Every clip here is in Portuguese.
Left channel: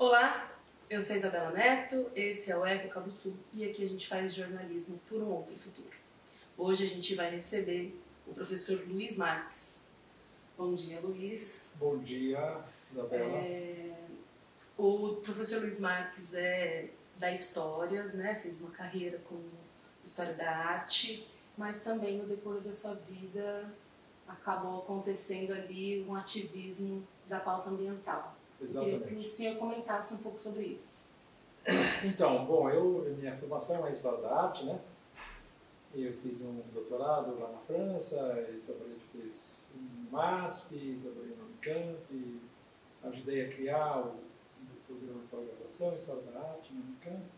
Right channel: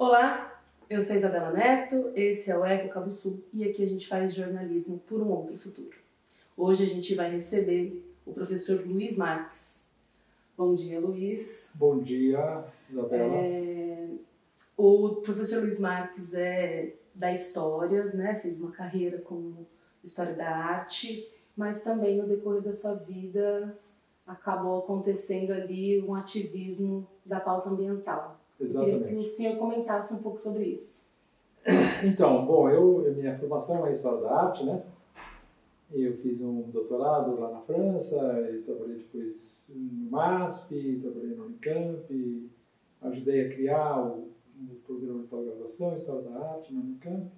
Olá, eu sou Isabela Neto, esse é o Eco Cabo Sul e aqui a gente faz jornalismo por um outro futuro. Hoje a gente vai receber o professor Luiz Marques. Bom dia, Luiz. Bom dia, Isabela. O professor Luiz Marques é da História, né? Fez uma carreira como História da Arte, mas também no decorrer da sua vida acabou acontecendo ali um ativismo da pauta ambiental. Exatamente. Eu queria que o senhor comentasse um pouco sobre isso. Então, minha formação é História da Arte, né? Eu fiz um doutorado lá na França, e trabalhei depois no MASP, trabalhei no Unicamp, ajudei a criar o programa de pós-graduação História da Arte na Unicamp.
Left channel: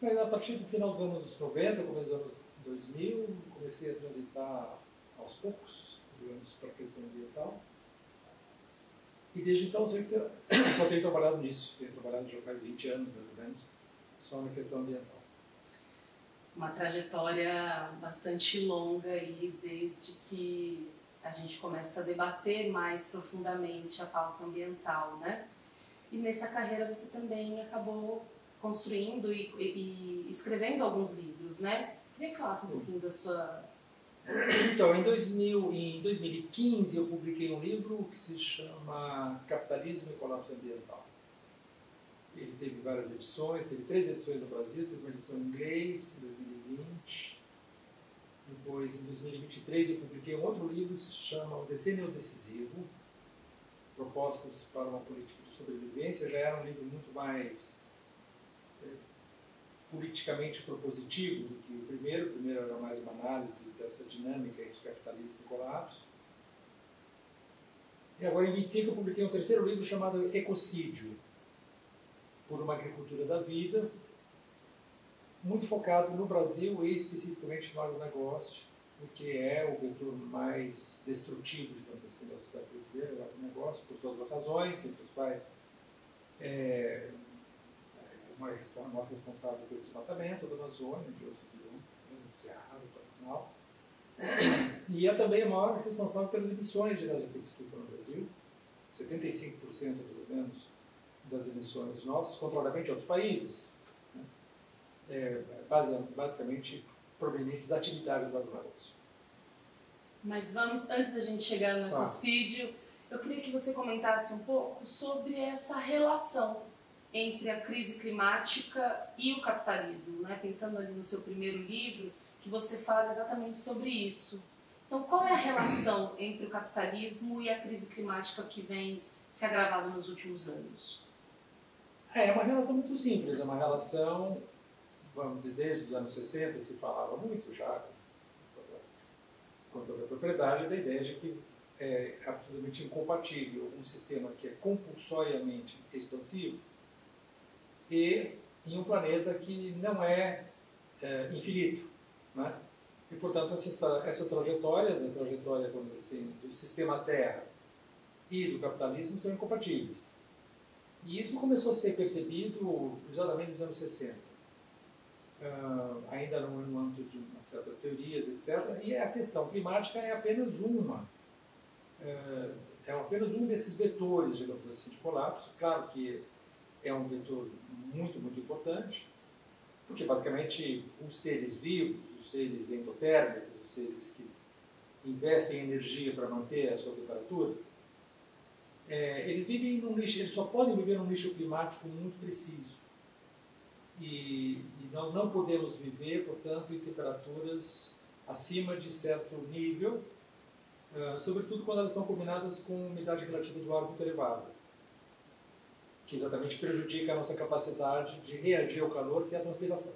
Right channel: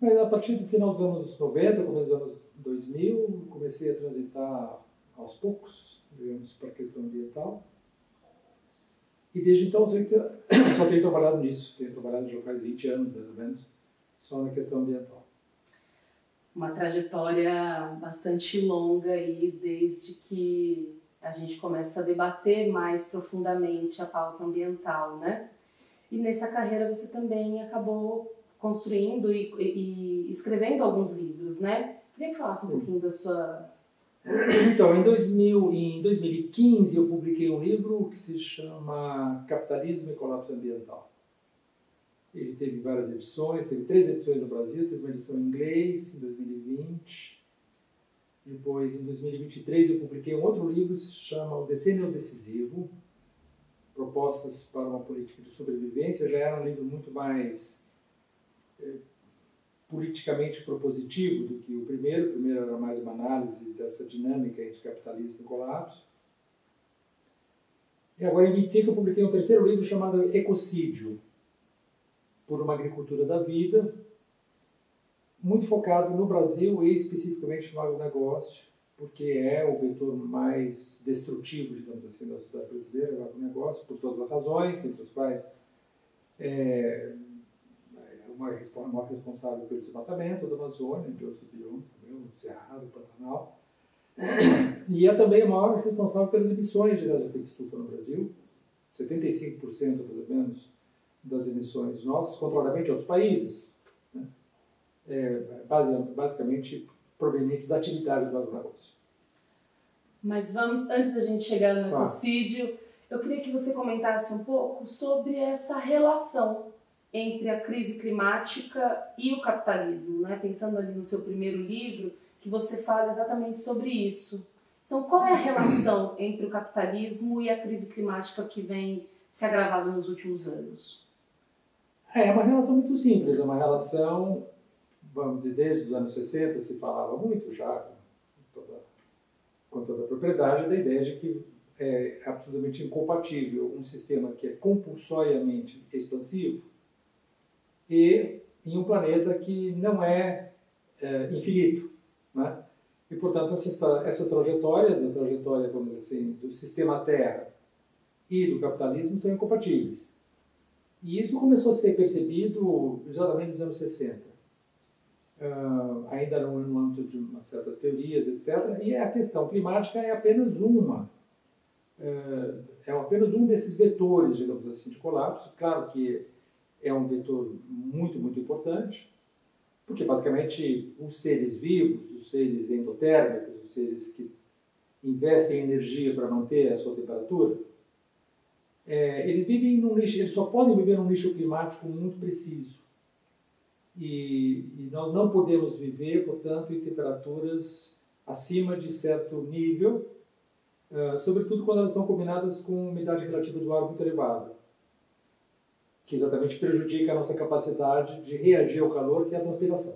Mas a partir do final dos anos 90, começo dos anos 2000, comecei a transitar aos poucos, digamos, para a questão ambiental. E desde então eu só tenho trabalhado nisso. Tenho trabalhado já faz 20 anos, mais ou menos, só na questão ambiental. Uma trajetória bastante longa aí, desde que a gente começa a debater mais profundamente a pauta ambiental, né? E nessa carreira você também acabou construindo e escrevendo alguns livros, né? Queria que falasse um pouquinho da sua... Então, em 2015 eu publiquei um livro que se chama Capitalismo e Colapso Ambiental. Ele teve várias edições, teve 3 edições no Brasil, teve uma edição em inglês em 2020. Depois, em 2023, eu publiquei um outro livro que se chama O Decênio Decisivo, Propostas para uma Política de Sobrevivência. Já era um livro muito mais politicamente propositivo do que o primeiro. O primeiro era mais uma análise dessa dinâmica entre capitalismo e colapso. E agora, em 25, eu publiquei um terceiro livro chamado Ecocídio, por uma agricultura da vida, muito focado no Brasil e especificamente no agronegócio, porque é o vetor mais destrutivo, digamos assim, da sociedade brasileira, o agronegócio, por todas as razões, entre as quais uma responsável pelo desmatamento da Amazônia, de outros biomas, o Cerrado, o Pantanal, e é também a maior responsável pelas emissões de gás de efeito estufa no Brasil, 75% pelo menos das emissões nossas, contrariamente a outros países, né? Basicamente proveniente da atividade do agronegócio. Mas vamos, antes da gente chegar no ecocídio, eu queria que você comentasse um pouco sobre essa relação entre a crise climática e o capitalismo, né? Pensando ali no seu primeiro livro, que você fala exatamente sobre isso. Então, qual é a relação entre o capitalismo e a crise climática que vem se agravando nos últimos anos? É uma relação muito simples, é uma relação, vamos dizer, desde os anos 60 se falava muito já, com toda a propriedade, da ideia de que é absolutamente incompatível um sistema que é compulsoriamente expansivo e em um planeta que não é infinito, né? E, portanto, essas trajetórias, a trajetória, vamos dizer assim, do sistema Terra e do capitalismo são incompatíveis. E isso começou a ser percebido exatamente nos anos 60, ainda no âmbito de certas teorias, etc. E a questão climática é apenas apenas um desses vetores, digamos assim, de colapso. Claro que é um vetor muito, muito importante, porque basicamente os seres vivos, os seres endotérmicos, os seres que investem energia para manter a sua temperatura, eles vivem num nicho, eles só podem viver num nicho climático muito preciso. E nós não podemos viver, portanto, em temperaturas acima de certo nível, sobretudo quando elas estão combinadas com umidade relativa do ar muito elevada, que exatamente prejudica a nossa capacidade de reagir ao calor, que é a transpiração.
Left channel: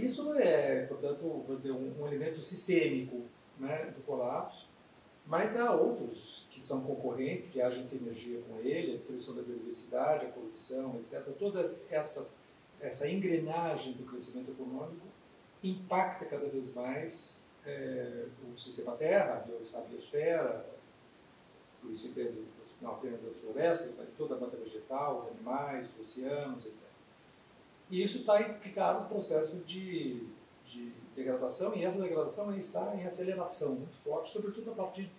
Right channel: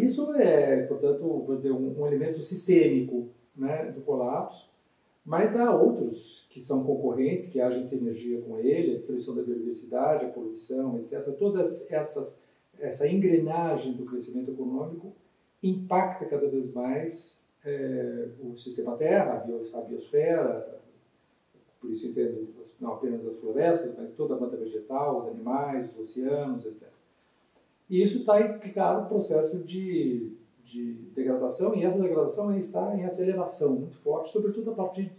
Isso é, portanto, vou dizer, um elemento sistêmico, né, do colapso. Mas há outros que são concorrentes, que agem sem energia com ele, a destruição da biodiversidade, a poluição, etc. Toda essa engrenagem do crescimento econômico impacta cada vez mais o sistema Terra, a biosfera, por isso entendo não apenas as florestas, mas toda a mata vegetal, os animais, os oceanos, etc. E isso está em claro processo de degradação, e essa degradação está em aceleração muito forte, sobretudo a partir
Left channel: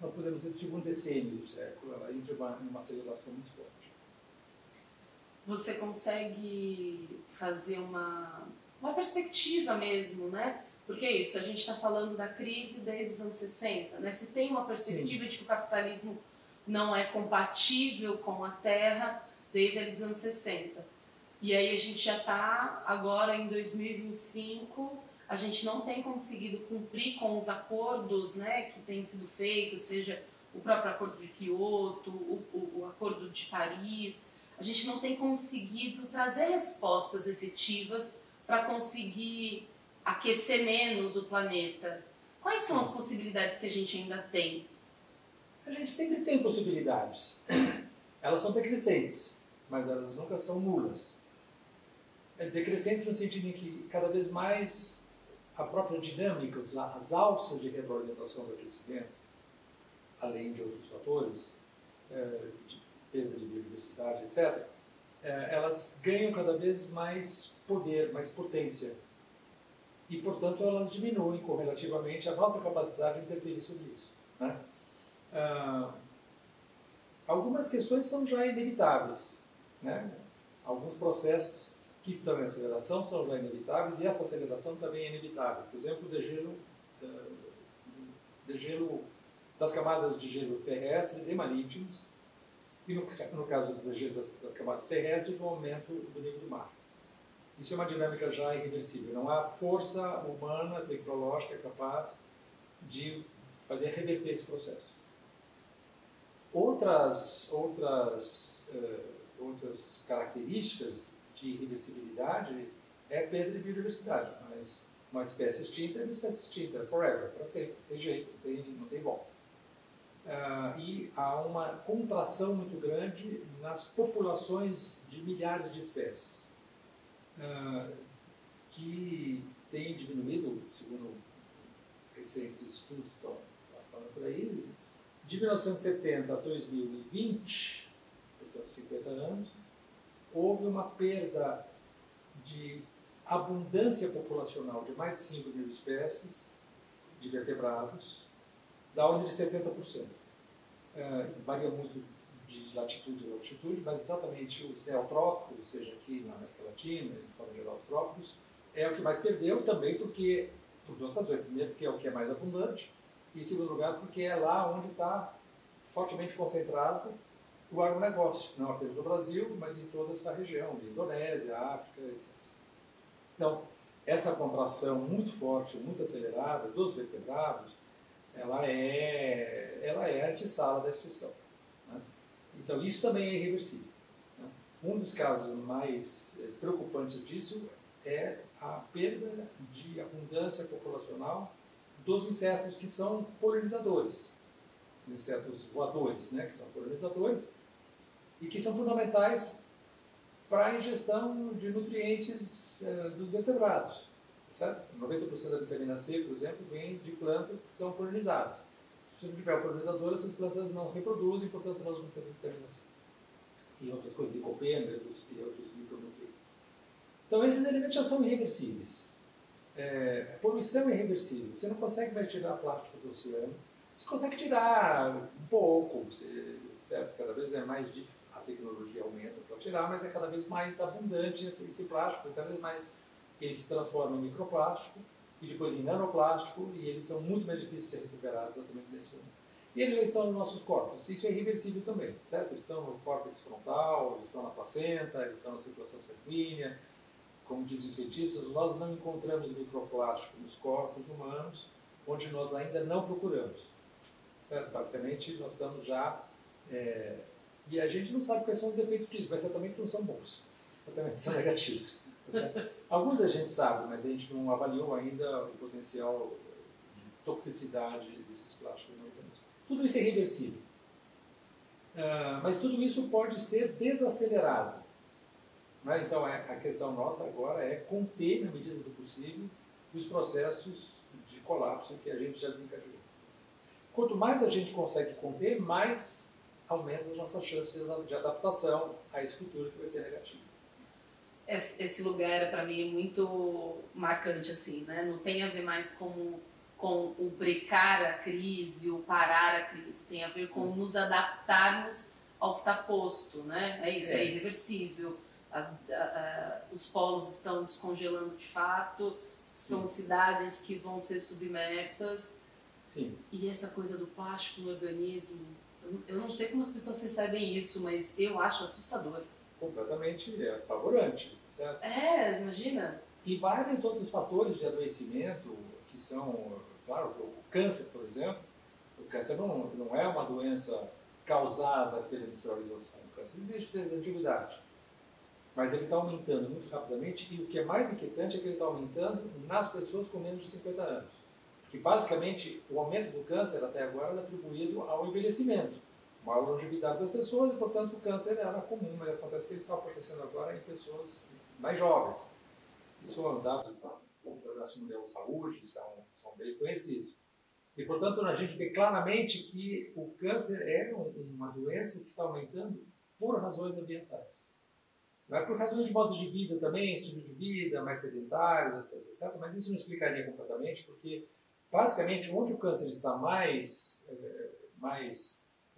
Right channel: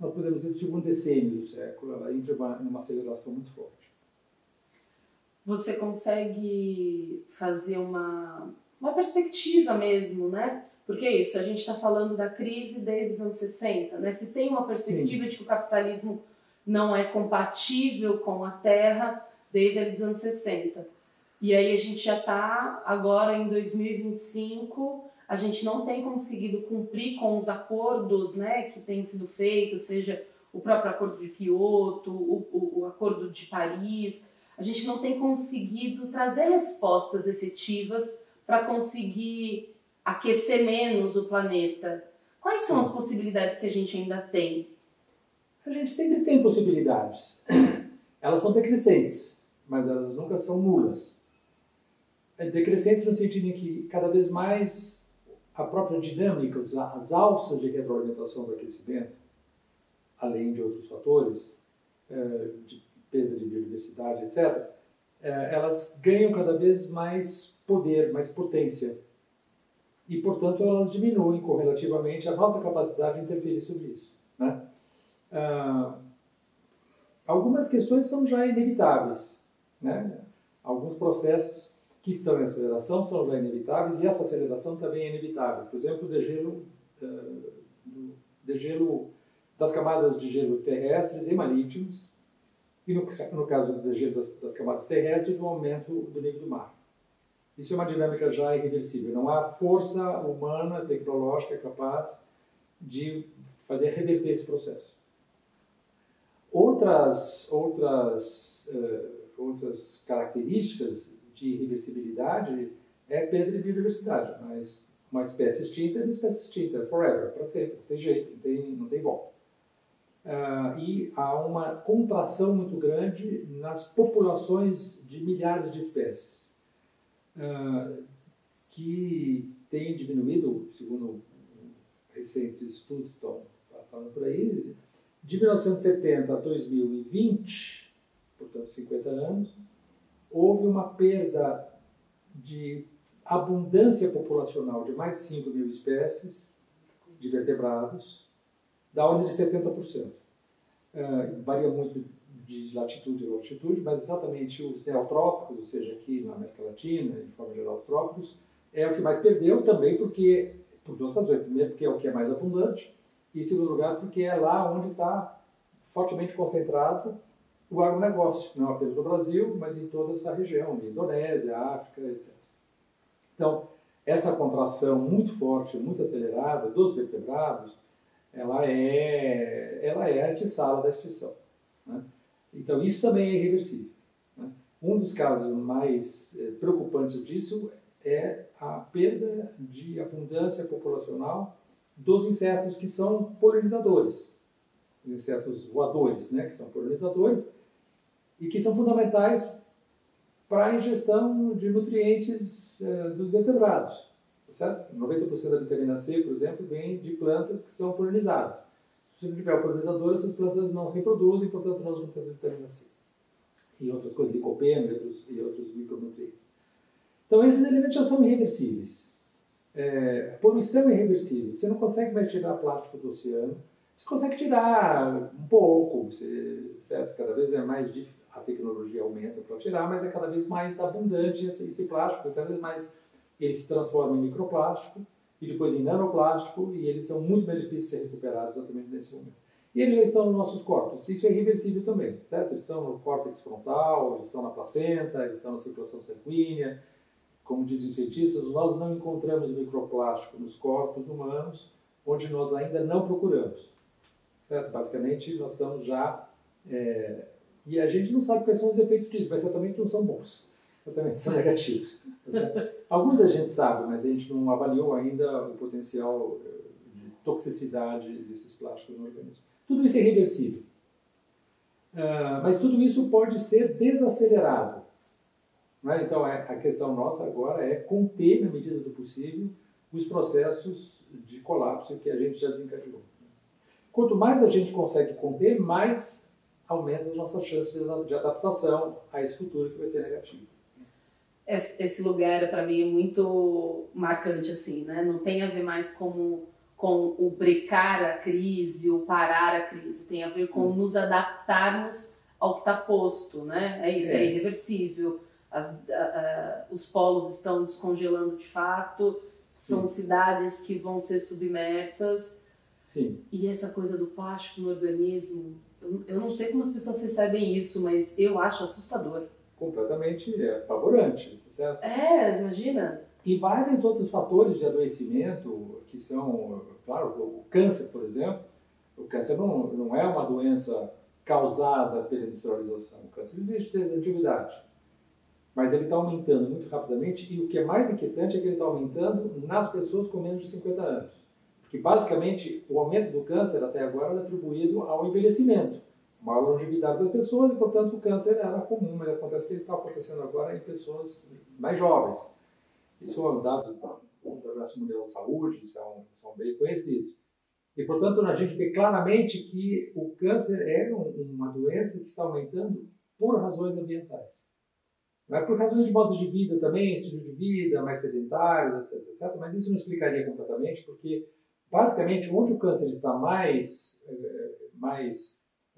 nós podemos dizer, do segundo decênio do século, ela entra numa aceleração muito forte. Você consegue fazer uma perspectiva mesmo, né? Porque é isso, a gente está falando da crise desde os anos 60, né? Se tem uma perspectiva de que o capitalismo não é compatível com a terra desde ali dos anos 60. E aí a gente já está agora em 2025, a gente não tem conseguido cumprir com os acordos, né, que têm sido feitos, seja o próprio acordo de Kyoto, o acordo de Paris. A gente não tem conseguido trazer respostas efetivas para conseguir aquecer menos o planeta. Quais são as possibilidades que a gente ainda tem? A gente sempre tem possibilidades. Elas são decrescentes, mas elas nunca são nulas. Decrescentes no sentido em que cada vez mais a própria dinâmica, as alças de retroalimentação do aquecimento, além de outros fatores, de perda de biodiversidade, etc., elas ganham cada vez mais poder, mais potência. E, portanto, elas diminuem correlativamente a nossa capacidade de interferir sobre isso, né? Algumas questões são já inevitáveis, né? Alguns processos que estão em aceleração são já inevitáveis e essa aceleração também é inevitável. Por exemplo, o degelo das camadas de gelo terrestres e marítimos e, no caso do degelo das camadas terrestres, o aumento do nível do mar. Isso é uma dinâmica já irreversível. Não há força humana, tecnológica capaz de fazer reverter esse processo. Outras características de irreversibilidade é perda de biodiversidade. Mas uma espécie extinta é uma espécie extinta, forever, para sempre, não tem jeito, não tem volta. E há uma contração muito grande nas populações de milhares de espécies, que tem diminuído, segundo recentes estudos estão falando por aí, de 1970 a 2020, portanto 50 anos, houve uma perda de abundância populacional de mais de 5 mil espécies de vertebrados, da ordem de 70%. Varia muito de latitude a latitude, mas exatamente os neotrópicos, ou seja, aqui na América Latina, de forma geral os trópicos, é o que mais perdeu também por duas razões. Primeiro, porque é o que é mais abundante, e em segundo lugar, porque é lá onde está fortemente concentrado o agronegócio, não apenas no Brasil, mas em toda essa região, Indonésia, África, etc. Então, essa contração muito forte, muito acelerada dos vertebrados, ela é a antessala da extinção, né? Então, isso também é irreversível, né? Um dos casos mais preocupantes disso é a perda de abundância populacional dos insetos que são polinizadores, os insetos voadores, né, que são polinizadores e que são fundamentais para a ingestão de nutrientes dos vertebrados. Certo? 90% da vitamina C, por exemplo, vem de plantas que são polinizadas. Se não tiver o polinizador, essas plantas não reproduzem, portanto nós não temos vitamina C. E outras coisas, licopeno e outros micronutrientes. Então esses elementos já são irreversíveis. Poluição é irreversível. Você não consegue mais tirar plástico do oceano. Você consegue tirar um pouco, certo? Cada vez é mais difícil, a tecnologia aumenta para tirar, mas é cada vez mais abundante esse plástico, cada vez mais ele se transforma em microplástico e depois em nanoplástico e eles são muito mais difíceis de ser recuperados exatamente nesse momento. E eles já estão nos nossos corpos. Isso é irreversível também, certo? Eles estão no córtex frontal, eles estão na placenta, eles estão na circulação sanguínea. Como dizem os cientistas, nós não encontramos microplástico nos corpos humanos onde nós ainda não procuramos. Certo? Basicamente, nós estamos já... e a gente não sabe quais são os efeitos disso, mas certamente não são bons. Certamente são negativos. Tá. Alguns a gente sabe, mas a gente não avaliou ainda o potencial de toxicidade desses plásticos no organismo. Tudo isso é irreversível. Mas tudo isso pode ser desacelerado. Né? Então, a questão nossa agora é conter, na medida do possível, os processos de colapso que a gente já desencadeou. Quanto mais a gente consegue conter, mais aumenta as nossas chances de adaptação a esse futuro que vai ser negativo. Esse lugar, para mim, é muito marcante, assim, né? Não tem a ver mais com com o brecar a crise, o parar a crise, tem a ver com nos adaptarmos ao que está posto, né? É isso, é irreversível. Os polos estão descongelando de fato, são cidades que vão ser submersas. Sim. E essa coisa do plástico no organismo, eu não sei como as pessoas recebem isso, mas eu acho assustador. Completamente apavorante, certo? Imagina. E vários outros fatores de adoecimento que são, claro, o câncer, por exemplo. O câncer não é uma doença causada pela industrialização. O câncer existe desde a antiguidade. Mas ele está aumentando muito rapidamente e o que é mais inquietante é que ele está aumentando nas pessoas com menos de 50 anos. Porque, basicamente, o aumento do câncer até agora é atribuído ao envelhecimento, maior longevidade das pessoas e, portanto, o câncer era comum, mas acontece que ele está acontecendo agora em pessoas mais jovens. Isso são dados da Organização Mundial da Saúde, são bem conhecidos. E, portanto, a gente vê claramente que o câncer é uma doença que está aumentando por razões ambientais. Não é por razões de modo de vida também, estilo de vida, mais sedentários, etc. Mas isso não explicaria completamente, porque, basicamente, onde o câncer está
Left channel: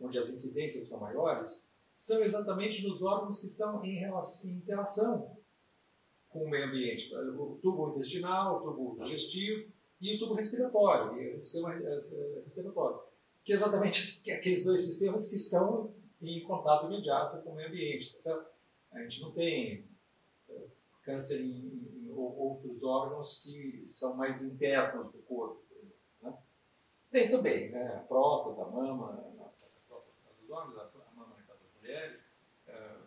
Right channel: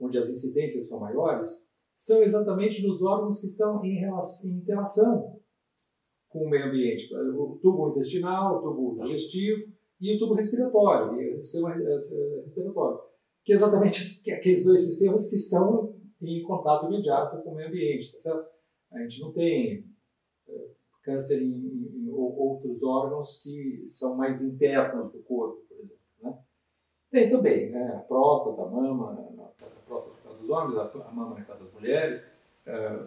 onde as incidências são maiores, são exatamente nos órgãos que estão em interação com o meio ambiente. O tubo intestinal, o tubo digestivo e o tubo respiratório, e o sistema respiratório. Que é exatamente aqueles dois sistemas que estão em contato imediato com o meio ambiente, tá certo? A gente não tem câncer em outros órgãos que são mais internos do corpo, por exemplo. Né? Tem também, né? A próstata, a mama, a próstata no caso dos homens, a mama no caso das mulheres,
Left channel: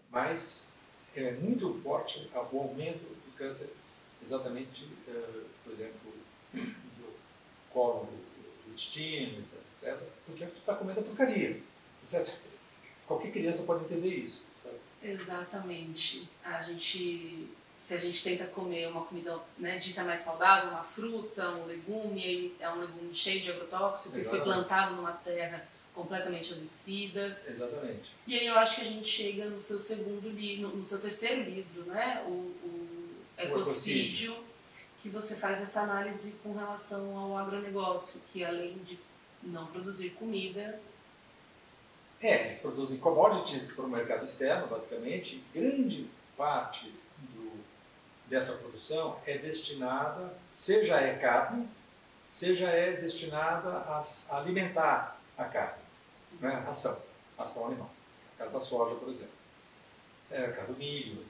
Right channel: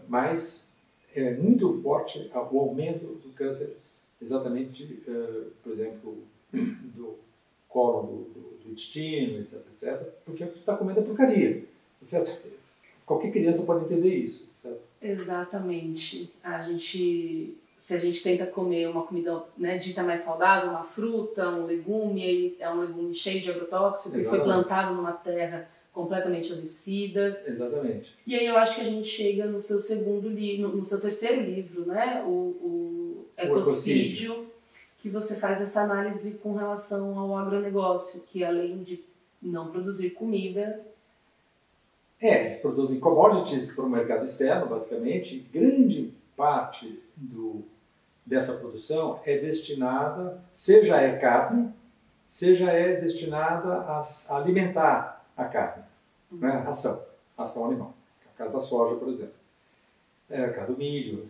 mas é muito forte o aumento do câncer, exatamente, por exemplo, do colo do intestino, etc., porque está comendo a porcaria, certo? Qualquer criança pode entender isso, certo? Exatamente. Se a gente tenta comer uma comida, né, dita mais saudável, uma fruta, um legume, é um legume cheio de agrotóxico, que foi plantado numa terra completamente adoecida. Exatamente. E aí eu acho que a gente chega no seu segundo livro, no seu terceiro livro, né, o Ecocídio, que você faz essa análise com relação ao agronegócio, que além de não produzir comida, produzem commodities para o mercado externo, basicamente. Grande parte dessa produção é destinada, seja é carne, seja é destinada a alimentar a carne, né? Ração animal. A carne da soja, por exemplo. A carne do milho.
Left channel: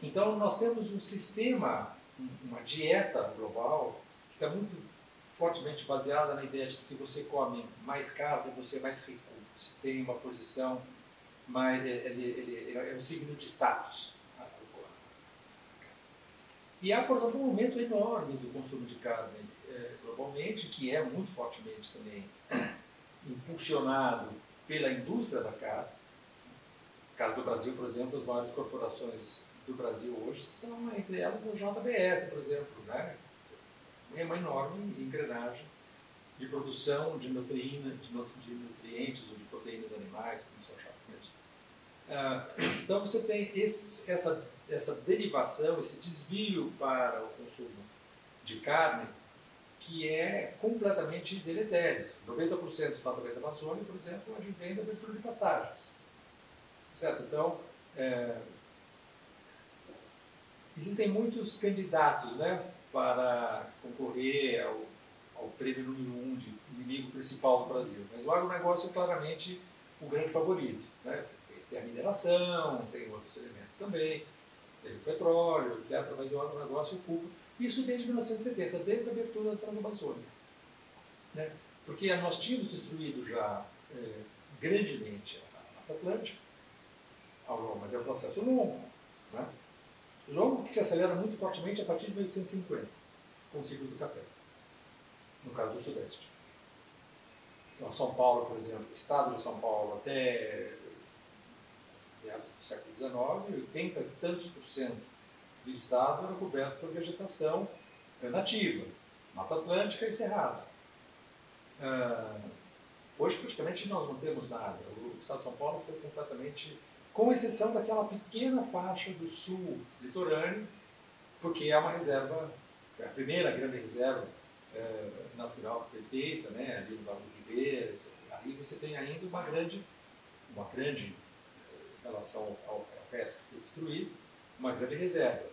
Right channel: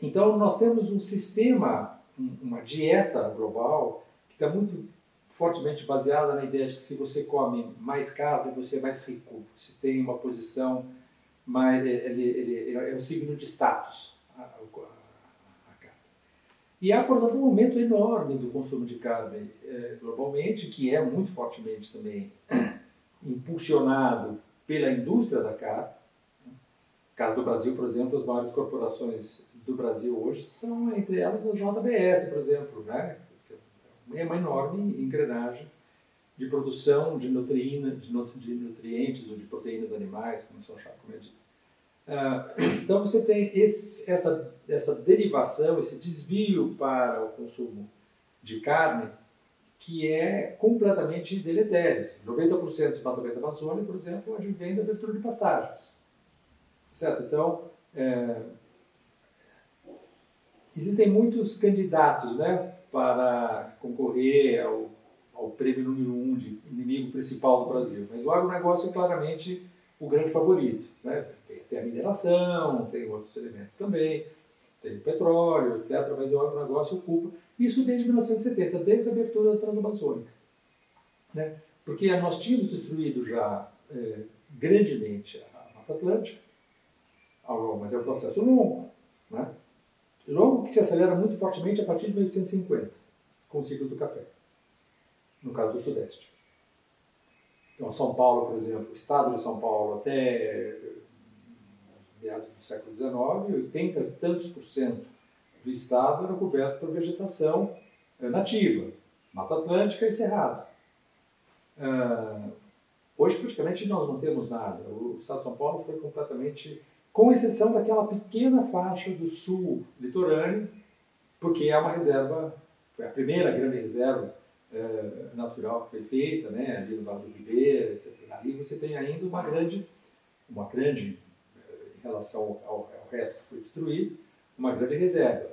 Então, nós temos um sistema, uma dieta global, que está muito fortemente baseada na ideia de que se você come mais carne, você é mais rico. Você tem uma posição mais... Ele é um signo de status, a carne. E há, portanto, um aumento enorme do consumo de carne globalmente, que é muito fortemente também impulsionado pela indústria da carne. No caso do Brasil, por exemplo, as maiores corporações do Brasil hoje são, entre elas, o JBS, por exemplo, né? É uma enorme engrenagem de produção de nutrientes ou de proteínas animais, como são chamadas. Então você tem essa derivação, esse desvio para o consumo de carne que é completamente deletério. 90% do desmatamento da Amazônia, por exemplo, advém da abertura de pastagens. Certo? Então, existem muitos candidatos, né, para concorrer ao prêmio número 1 de inimigo principal do Brasil. Mas o agronegócio é claramente o grande favorito. Né? Tem a mineração, tem outros elementos também, tem o petróleo, etc. Mas o agronegócio ocupa isso desde 1970, desde a abertura da Transamazônica. Né? Porque nós tínhamos destruído já grandemente a Mata Atlântica, mas é um processo longo. Né? Longo que se acelera muito fortemente a partir de 1850, com o ciclo do café, no caso do Sudeste. Então, São Paulo, por exemplo, o estado de São Paulo até meados do século XIX, 80 e tantos % do estado era coberto por vegetação nativa, Mata Atlântica e Cerrado. Hoje, praticamente, nós não temos nada. O estado de São Paulo foi completamente... com exceção daquela pequena faixa do sul litorâneo, porque é uma reserva, é a primeira grande reserva natural que foi feita, né, ali no Vale do Ribeira, etc. Aí você tem ainda uma grande em relação ao resto que foi destruído, uma grande reserva.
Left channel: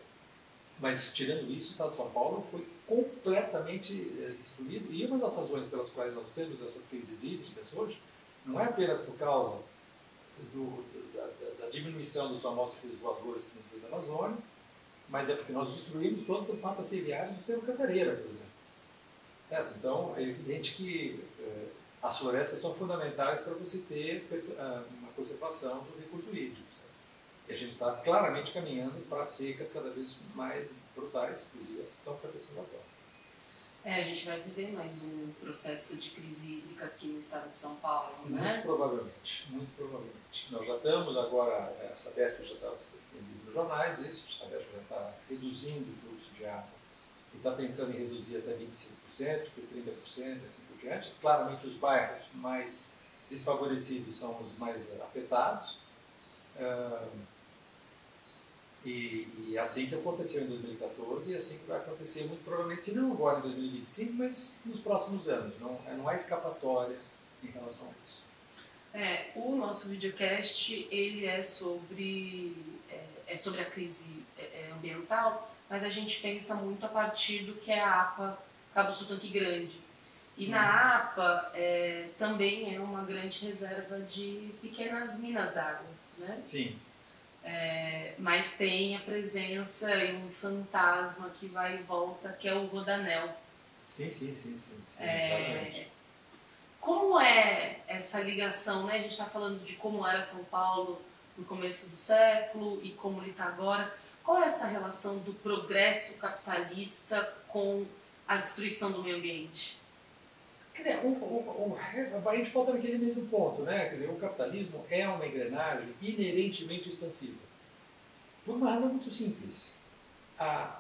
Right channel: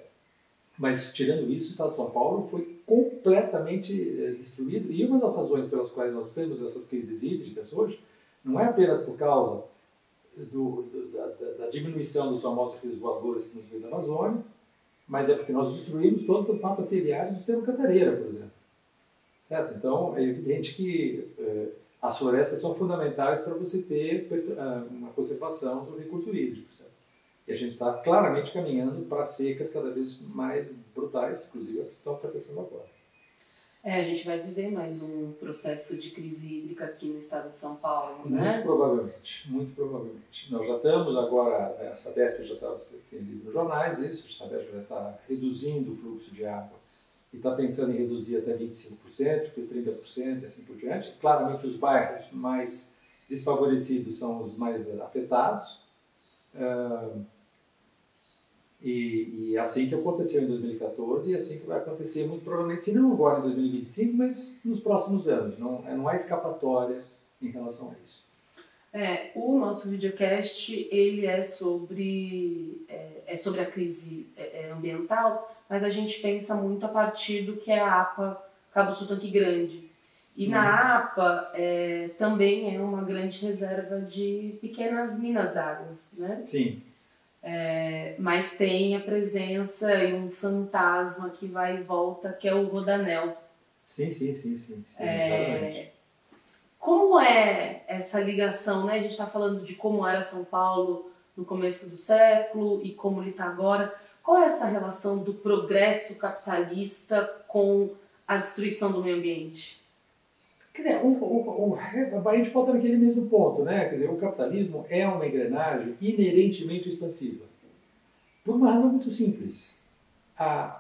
Mas, tirando isso, o estado de São Paulo foi completamente destruído. E uma das razões pelas quais nós temos essas crises hídricas hoje não é apenas por causa da diminuição dos famosos rios voadores que nos veio da Amazônia, mas é porque nós destruímos todas as matas ciliares do sistema Cantareira, por exemplo. Certo? Então, é evidente que as florestas são fundamentais para você ter uma conservação do recurso hídrico. Certo? E a gente está claramente caminhando para secas cada vez mais brutais, inclusive as que estão acontecendo agora. A gente vai viver mais um processo de crise hídrica aqui no estado de São Paulo, né? Muito provavelmente, muito provavelmente. Nós já estamos agora, a Sabesp já está lido nos jornais, isso, a Sabesp já está reduzindo o fluxo de água e está pensando em reduzir até 25%, depois 30% e assim por diante. Claramente os bairros mais desfavorecidos são os mais afetados. E assim que aconteceu em 2014 e assim que vai acontecer muito provavelmente, se não agora em 2025, mas nos próximos anos. Não há escapatória em relação a isso. O nosso videocast ele é sobre a crise ambiental, mas a gente pensa muito a partir do que é a APA Cabo Sul Tanque Grande. E na APA também é uma grande reserva de pequenas minas d'água, né? Sim. Mas tem a presença e um fantasma que vai e volta, que é o Rodanel. Sim, como é essa ligação, né? A gente está falando de como era São Paulo no começo do século e como ele está agora. Qual é essa relação do progresso capitalista com a destruição do meio ambiente? Quer dizer, a gente volta naquele mesmo ponto, né? Quer dizer, o capitalismo é uma engrenagem inerentemente expansiva. Por uma razão muito simples.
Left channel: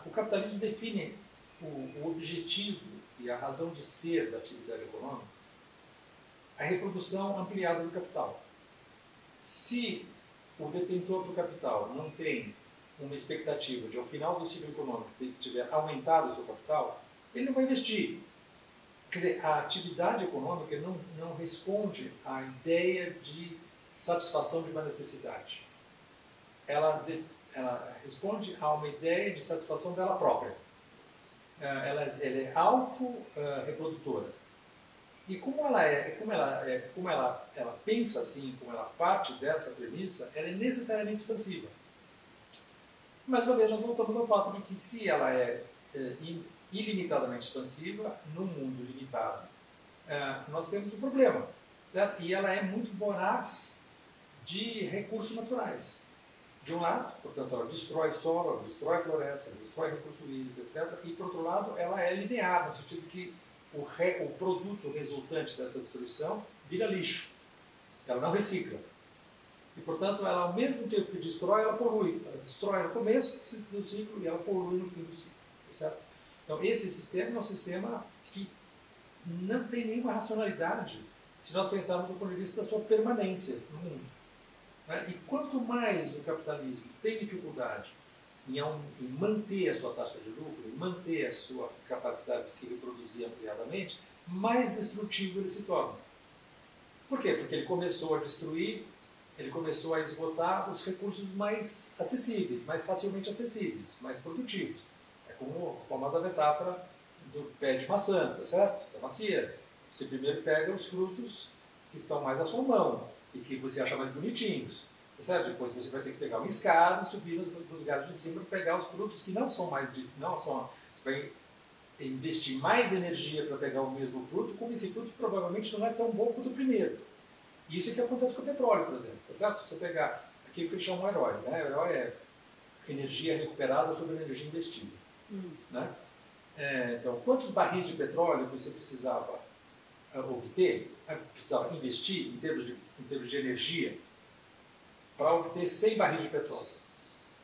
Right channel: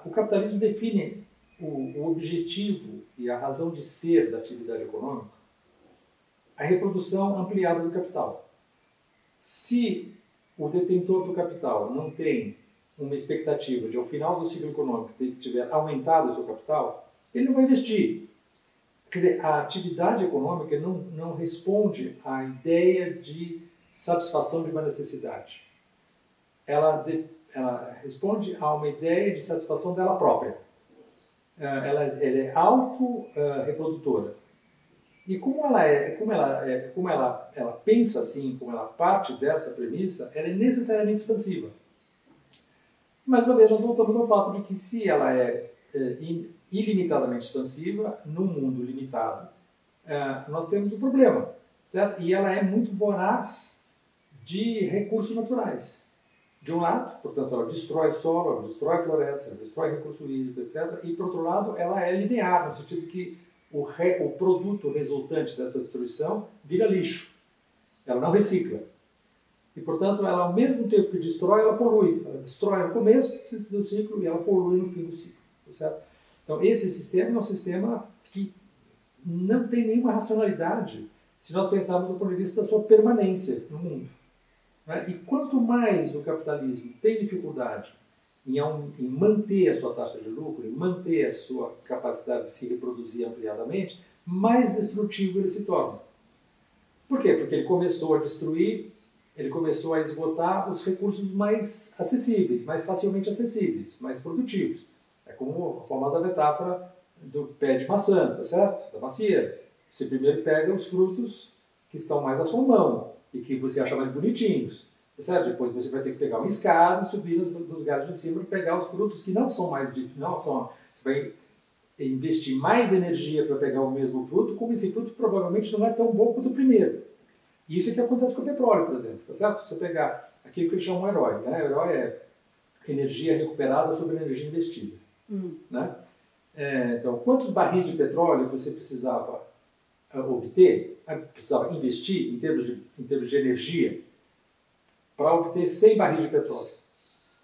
O capitalismo define o objetivo e a razão de ser da atividade econômica, a reprodução ampliada do capital. Se o detentor do capital não tem uma expectativa de, ao final do ciclo econômico, tiver aumentado o seu capital, ele não vai investir. Quer dizer, a atividade econômica não responde à ideia de satisfação de uma necessidade. Ela responde a uma ideia de satisfação dela própria. Ela é auto-reprodutora. E como ela pensa assim, como ela parte dessa premissa, ela é necessariamente expansiva. Mais uma vez, nós voltamos ao fato de que se ela é ilimitadamente expansiva, num mundo limitado, nós temos um problema, certo? E ela é muito voraz de recursos naturais. De um lado, portanto, ela destrói solo, ela destrói floresta, ela destrói recurso hídrico, etc. E, por outro lado, ela é linear, no sentido que o produto resultante dessa destruição vira lixo. Ela não recicla. E, portanto, ela, ao mesmo tempo que destrói, ela polui. Ela destrói no começo do ciclo e ela polui no fim do ciclo. Certo? Então, esse sistema é um sistema que não tem nenhuma racionalidade se nós pensarmos do ponto de vista da sua permanência no mundo. Né? E quanto mais o capitalismo tem dificuldade em manter a sua taxa de lucro, em manter a sua capacidade de se reproduzir ampliadamente, mais destrutivo ele se torna. Por quê? Porque ele começou a destruir, ele começou a esgotar os recursos mais acessíveis, mais facilmente acessíveis, mais produtivos. É como a famosa metáfora do pé de maçã, tá certo? Da macieira. Você primeiro pega os frutos que estão mais à sua mão e que você acha mais bonitinhos, tá certo? Depois você vai ter que pegar uma escada e subir nos galhos de cima para pegar os frutos que não são mais... Você vai investir mais energia para pegar o mesmo fruto, como esse fruto provavelmente não é tão bom quanto o primeiro. Isso é que acontece com o petróleo, por exemplo, tá certo? Se você pegar aquilo que eles chamam de herói, né? O herói é energia recuperada sobre energia investida. Né? Então, quantos barris de petróleo você precisava obter, precisava investir em termos de energia para obter 100 barris de petróleo?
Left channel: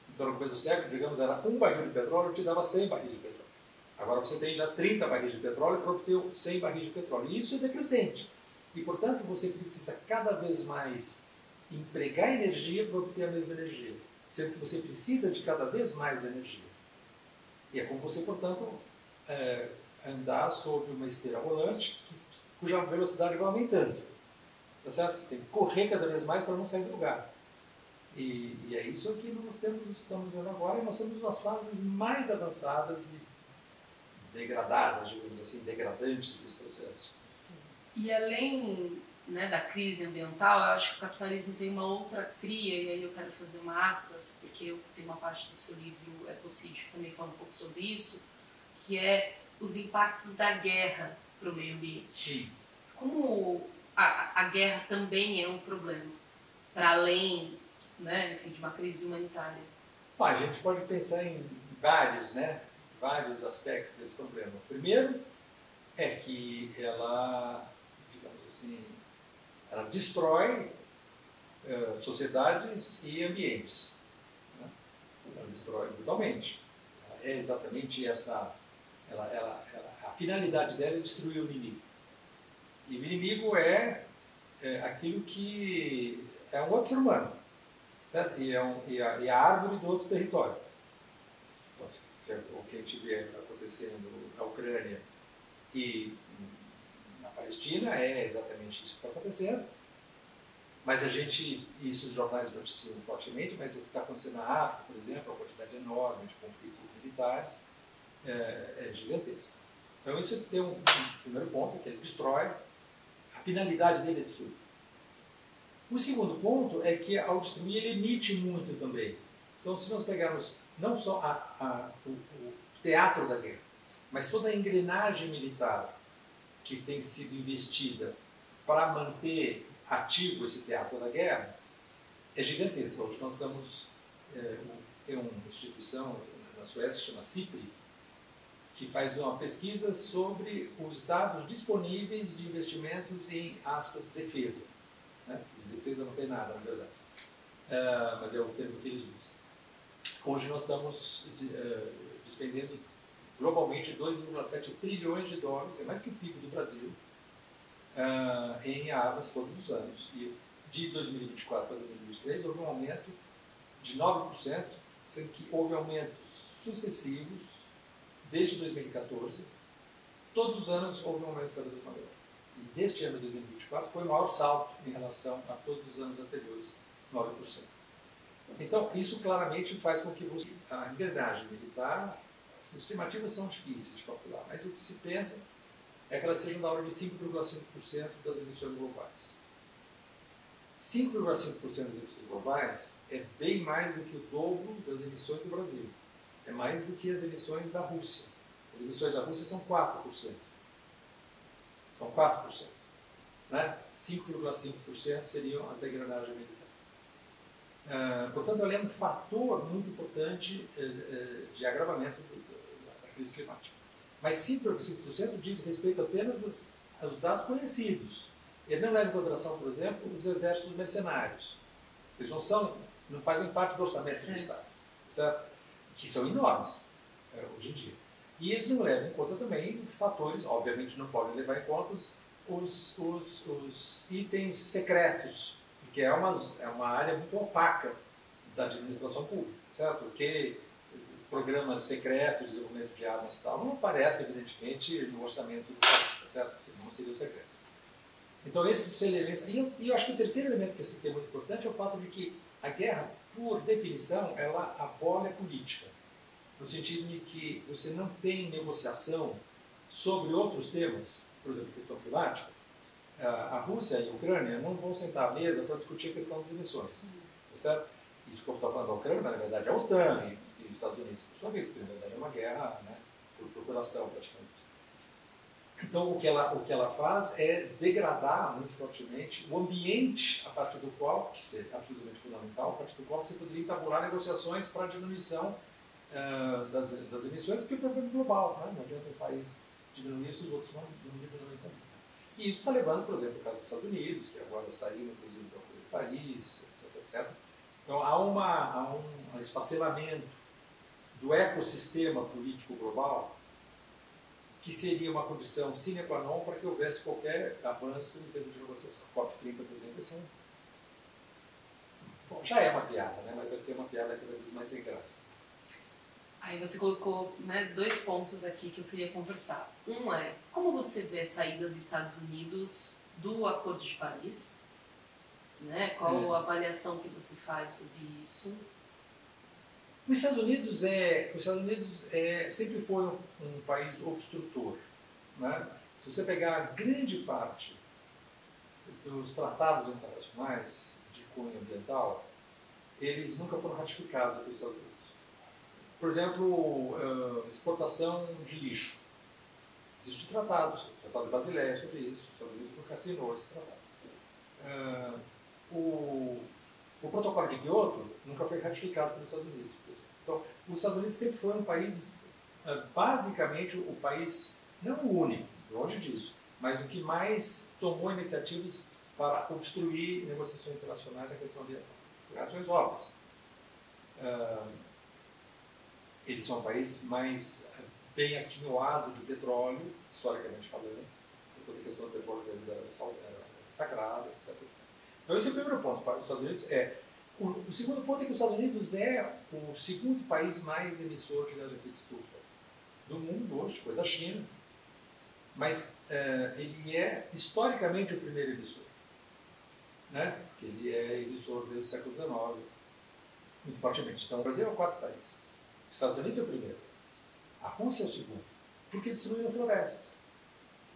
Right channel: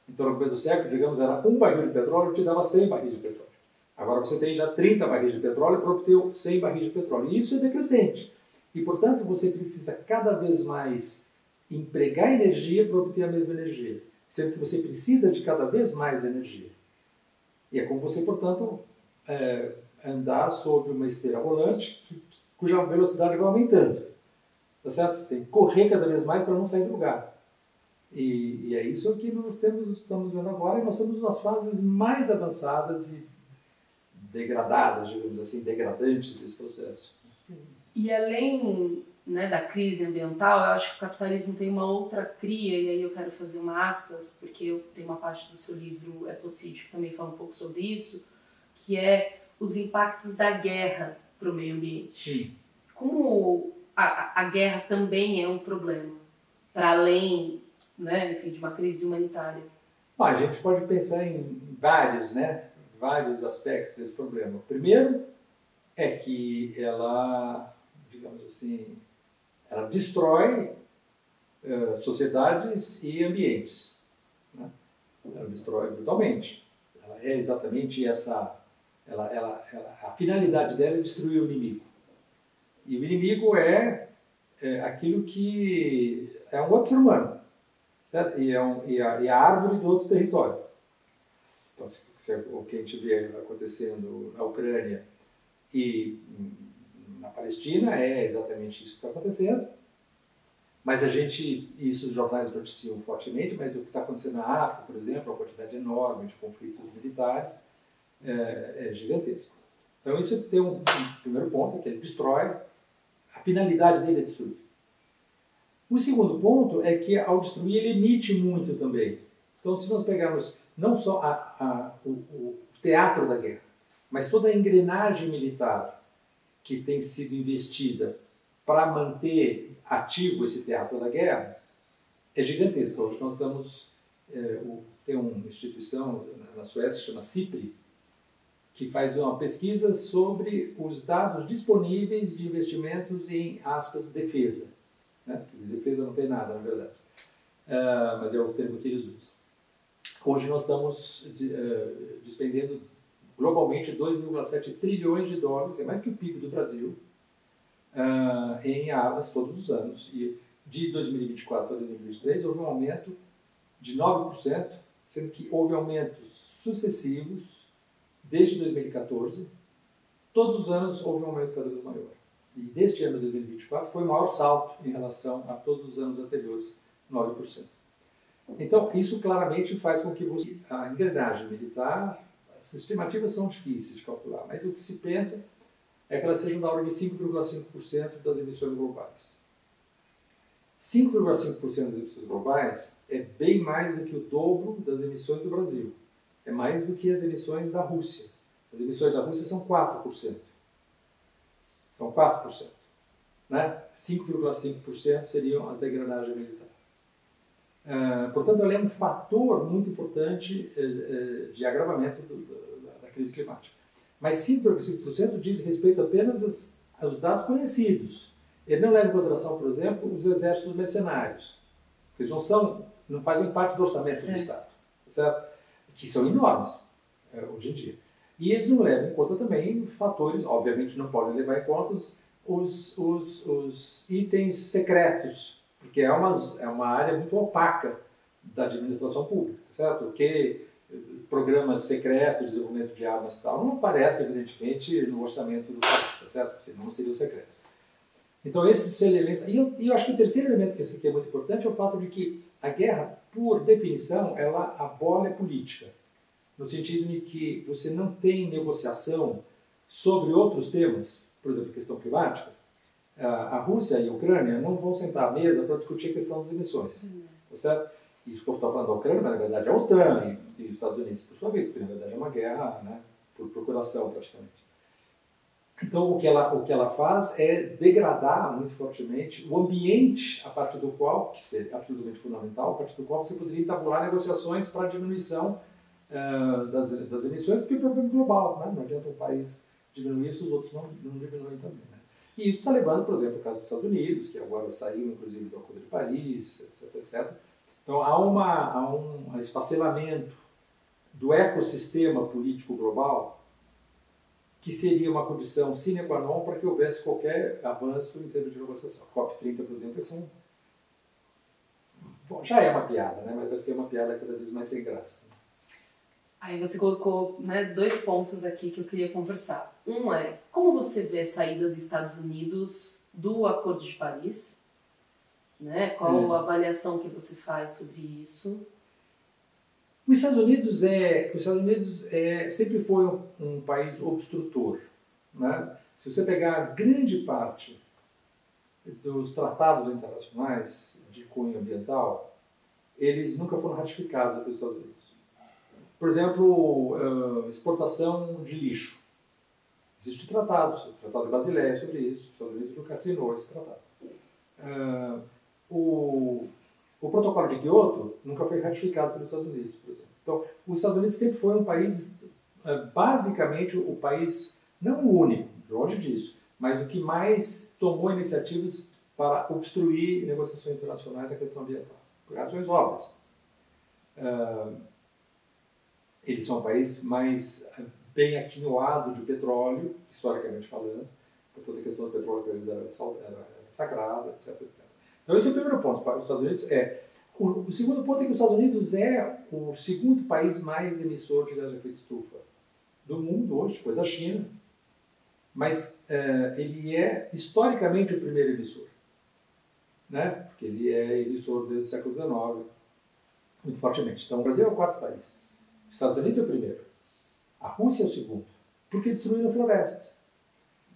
Então, no começo do século, digamos, era um barril de petróleo que te dava 100 barris de petróleo. Agora você tem já 30 barris de petróleo para obter 100 barris de petróleo. E isso é decrescente. E, portanto, você precisa cada vez mais empregar energia para obter a mesma energia, sendo que você precisa de cada vez mais energia. E é como você, portanto, andar sobre uma esteira rolante cuja velocidade vai aumentando. Tá certo? Você tem que correr cada vez mais para não sair do lugar. E é isso que nós estamos vendo agora, e nós estamos nas fases mais avançadas e degradadas, digamos assim, degradantes desse processo. E além, né, da crise ambiental, eu acho que o capitalismo tem uma outra cria, e aí eu quero fazer uma aspas, porque eu tenho uma parte do seu livro Ecocídio que também fala um pouco sobre isso, que é os impactos da guerra para o meio ambiente. Sim. Como a guerra também é um problema, para além, né, enfim, de uma crise humanitária? Bom, a gente pode pensar em vários aspectos desse problema. O primeiro é que ela, digamos assim, ela destrói sociedades e ambientes. Né? Ela destrói brutalmente. Ela é exatamente essa... a finalidade dela é destruir o inimigo. E o inimigo é aquilo que é um outro ser humano. Certo? E a árvore do outro território. Então, o que a gente vê acontecendo na Ucrânia e na Palestina é exatamente isso que está acontecendo. Mas isso os jornais noticiam fortemente, mas o que está acontecendo na África, por exemplo, a quantidade enorme de conflitos militares é gigantesco. Então isso tem um primeiro ponto, que ele destrói, a finalidade dele é destruir. O segundo ponto é que ao destruir ele emite muito também. Então se nós pegarmos não só o teatro da guerra, mas toda a engrenagem militar que tem sido investida para manter ativo esse teatro da guerra, é gigantesca. Hoje nós tem uma instituição na Suécia, chama CIPRI, que faz uma pesquisa sobre os dados disponíveis de investimentos em, aspas, defesa. Né? Defesa não tem nada, na verdade. Mas é o termo que eles usam. Hoje nós estamos despendendo globalmente 2,7 trilhões de dólares, é mais que o PIB do Brasil, em armas todos os anos. E de 2024 para 2023 houve um aumento de 9%, sendo que houve aumentos sucessivos desde 2014. Todos os anos houve um aumento cada vez maior. E neste ano de 2024 foi o maior salto em relação a todos os anos anteriores, 9%. Então, isso claramente faz com que a engrenagem militar, as estimativas são difíceis de calcular, mas o que se pensa é que elas sejam da ordem de 5,5% das emissões globais. 5,5% das emissões globais é bem mais do que o dobro das emissões do Brasil. É mais do que as emissões da Rússia. As emissões da Rússia são 4%. São 4%. Né? 5,5% seriam as da engrenagem militar. Portanto, ela é um fator muito importante de agravamento da crise climática. Mas 5,5% diz respeito apenas aos dados conhecidos. Ele não leva em consideração, por exemplo, os exércitos mercenários. Eles não fazem parte do orçamento do Estado, certo? Que são enormes hoje em dia. E eles não levam em conta também fatores, obviamente não podem levar em conta os itens secretos, porque é uma área muito opaca da administração pública, certo? Porque programas secretos, desenvolvimento de armas e tal, não aparecem, evidentemente, no orçamento do país, tá certo? Senão não seriam secretos. Então, esses elementos... E eu acho que o terceiro elemento que é muito importante é o fato de que a guerra, por definição, ela abole a política, no sentido de que você não tem negociação sobre outros temas, por exemplo, a questão climática. A Rússia e a Ucrânia não vão sentar à mesa para discutir a questão das emissões, tá certo? Isso que eu estou falando da Ucrânia, mas na verdade é a OTAN e os Estados Unidos, por sua vez, porque na verdade é uma guerra, né, por procuração praticamente. Então o que ela faz é degradar muito fortemente o ambiente a partir do qual, que seria absolutamente fundamental, a partir do qual você poderia entabular negociações para a diminuição das emissões, porque é um problema global, né? Não adianta um país diminuir se os outros não diminuem também. Né? E isso está levando, por exemplo, o caso dos Estados Unidos, que agora saiu inclusive do Acordo de Paris, etc. Então há um esfacelamento do ecossistema político global que seria uma condição sine qua non para que houvesse qualquer avanço em termos de negociação. A COP30, por exemplo, já é uma piada, né? Mas vai ser uma piada cada vez mais sem graça. Aí você colocou, né, 2 pontos aqui que eu queria conversar. Um é, como você vê a saída dos Estados Unidos do Acordo de Paris? Né? Qual a avaliação que você faz sobre isso? Os Estados Unidos sempre foi um país obstrutor, né? Se você pegar grande parte dos tratados internacionais de cunho ambiental, eles nunca foram ratificados pelos Estados Unidos. Por exemplo, exportação de lixo. Existem tratados, o Tratado de Basileia sobre isso, os Estados Unidos nunca assinou esse tratado. O protocolo de Kyoto nunca foi ratificado pelos Estados Unidos, por exemplo. Então, os Estados Unidos sempre foi um país, basicamente, o país, não o único, longe disso, mas o que mais tomou iniciativas para obstruir negociações internacionais na questão ambiental, por razões óbvias. Eles são um país mais bem aquinhoado de petróleo, historicamente falando, por toda a questão do petróleo para eles era sagrada, etc, etc. Então esse é o primeiro ponto para os Estados Unidos. O segundo ponto é que os Estados Unidos é o segundo país mais emissor de gás de efeito estufa do mundo hoje, depois da China, mas ele é historicamente o primeiro emissor, né? Porque ele é emissor desde o século XIX, muito fortemente. Então o Brasil é o quarto país, os Estados Unidos é o primeiro, a Rússia é o segundo, porque destruíram florestas.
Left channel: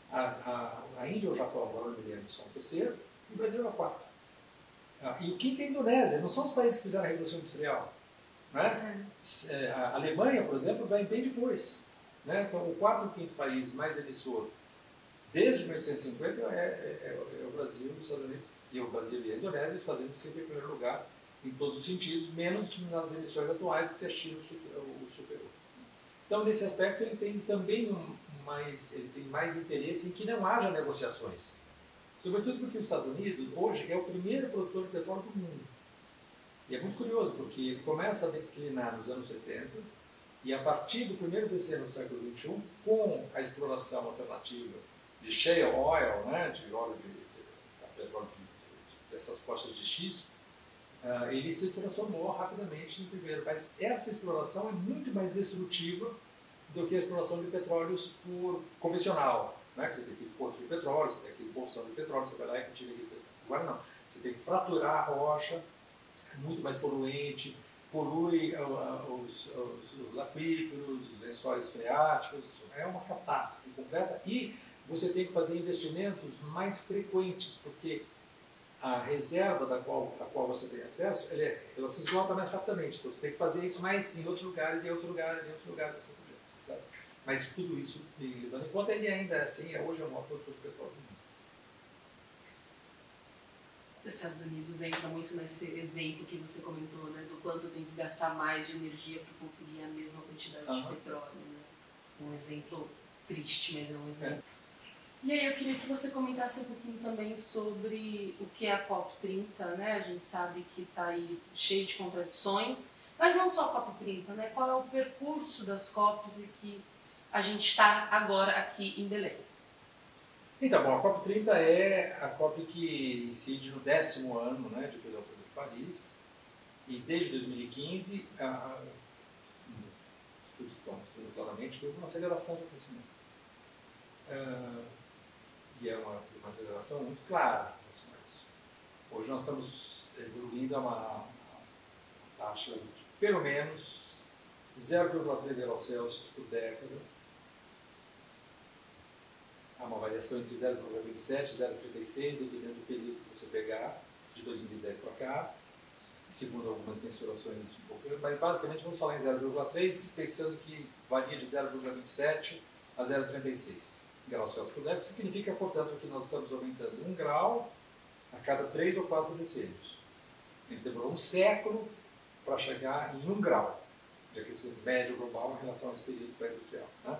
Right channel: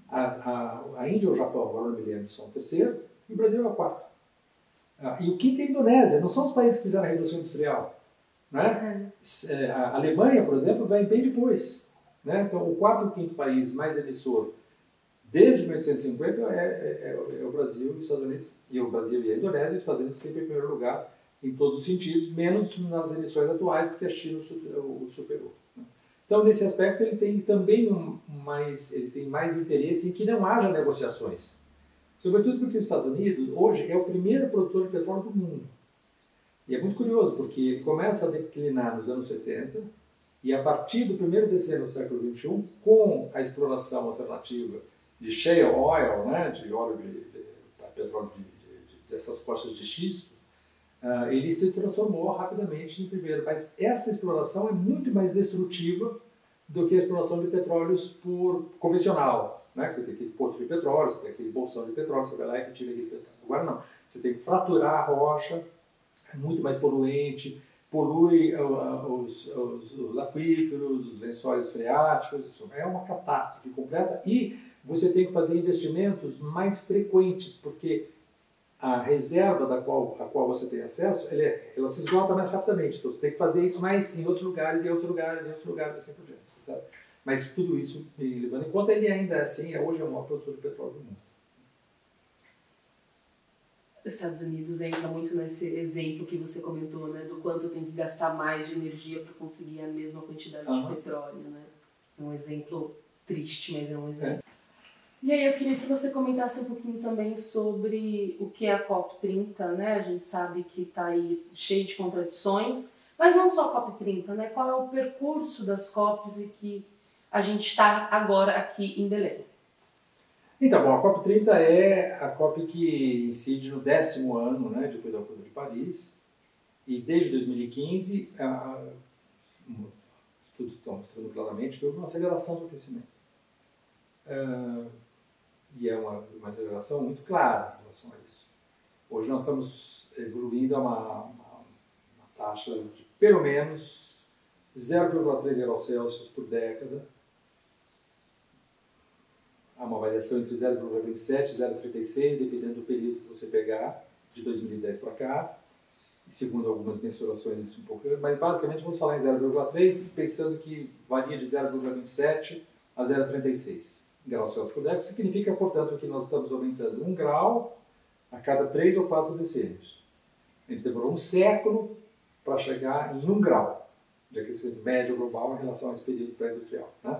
A Índia ou o Japão, agora não me lembro, são o terceiro, e o Brasil é o quarto. E o quinto é a Indonésia, não são os países que fizeram a Revolução Industrial. Né? A Alemanha, por exemplo, vai bem depois. Né? Então, o quarto e o quinto país mais emissor desde 1850 é o Brasil, os Estados Unidos, e o Brasil e a Indonésia, e os Estados Unidos sempre em primeiro lugar em todos os sentidos, menos nas emissões atuais, porque a China o superou. Né? Então, nesse aspecto, ele tem também mais interesse em que não haja negociações. Sobretudo porque os Estados Unidos, hoje, é o primeiro produtor de petróleo do mundo. E é muito curioso, porque ele começa a declinar nos anos 70, e a partir do primeiro decênio do século XXI, com a exploração alternativa de shale oil, né, de óleo de petróleo dessas postas de xisto, ele se transformou rapidamente em primeiro. Mas essa exploração é muito mais destrutiva do que a exploração de petróleos convencional. Né? Você tem aquele poço de petróleo, você tem aquele bolsão de petróleo, você vai lá e retira aquele petróleo. Agora não, você tem que fraturar a rocha, é muito mais poluente, polui os aquíferos, os lençóis freáticos, isso é uma catástrofe completa, e você tem que fazer investimentos mais frequentes, porque a reserva a qual você tem acesso, ela se esgota mais rapidamente, então você tem que fazer isso mais em outros lugares, em outros lugares, em outros lugares, assim por diante. Sabe? Mas tudo isso, levando em conta, ele ainda assim, hoje é o maior produtor de petróleo do mundo. Os Estados Unidos entra muito nesse exemplo que você comentou, né, do quanto tem que gastar mais de energia para conseguir a mesma quantidade de petróleo. Né? Um exemplo triste, mas é um exemplo. E aí eu queria que você comentasse um pouquinho também sobre o que é a COP30, né? A gente sabe que está aí cheio de contradições, mas não só a COP30, né? Qual é o percurso das COPs e que a gente está agora aqui em Belém? Então, bom, a COP30 é a COP que incide no 10º ano, né, depois do Acordo de Paris, e desde 2015, os estudos estão mostrando claramente que houve uma aceleração do aquecimento. E é uma aceleração muito clara em relação a isso. Hoje nós estamos evoluindo a uma taxa de pelo menos 0,3 graus Celsius por década. Há uma variação entre 0,27 e 0,36, dependendo do período que você pegar, de 2010 para cá. Segundo algumas mensurações, isso um pouco, mas basicamente vamos falar em 0,3, pensando que varia de 0,27 a 0,36 graus Celsius por década. Significa, portanto, que nós estamos aumentando 1 grau a cada 3 ou 4 decênios. A gente demorou um século para chegar em 1 grau de aquecimento médio global em relação a esse período pré-industrial. Né?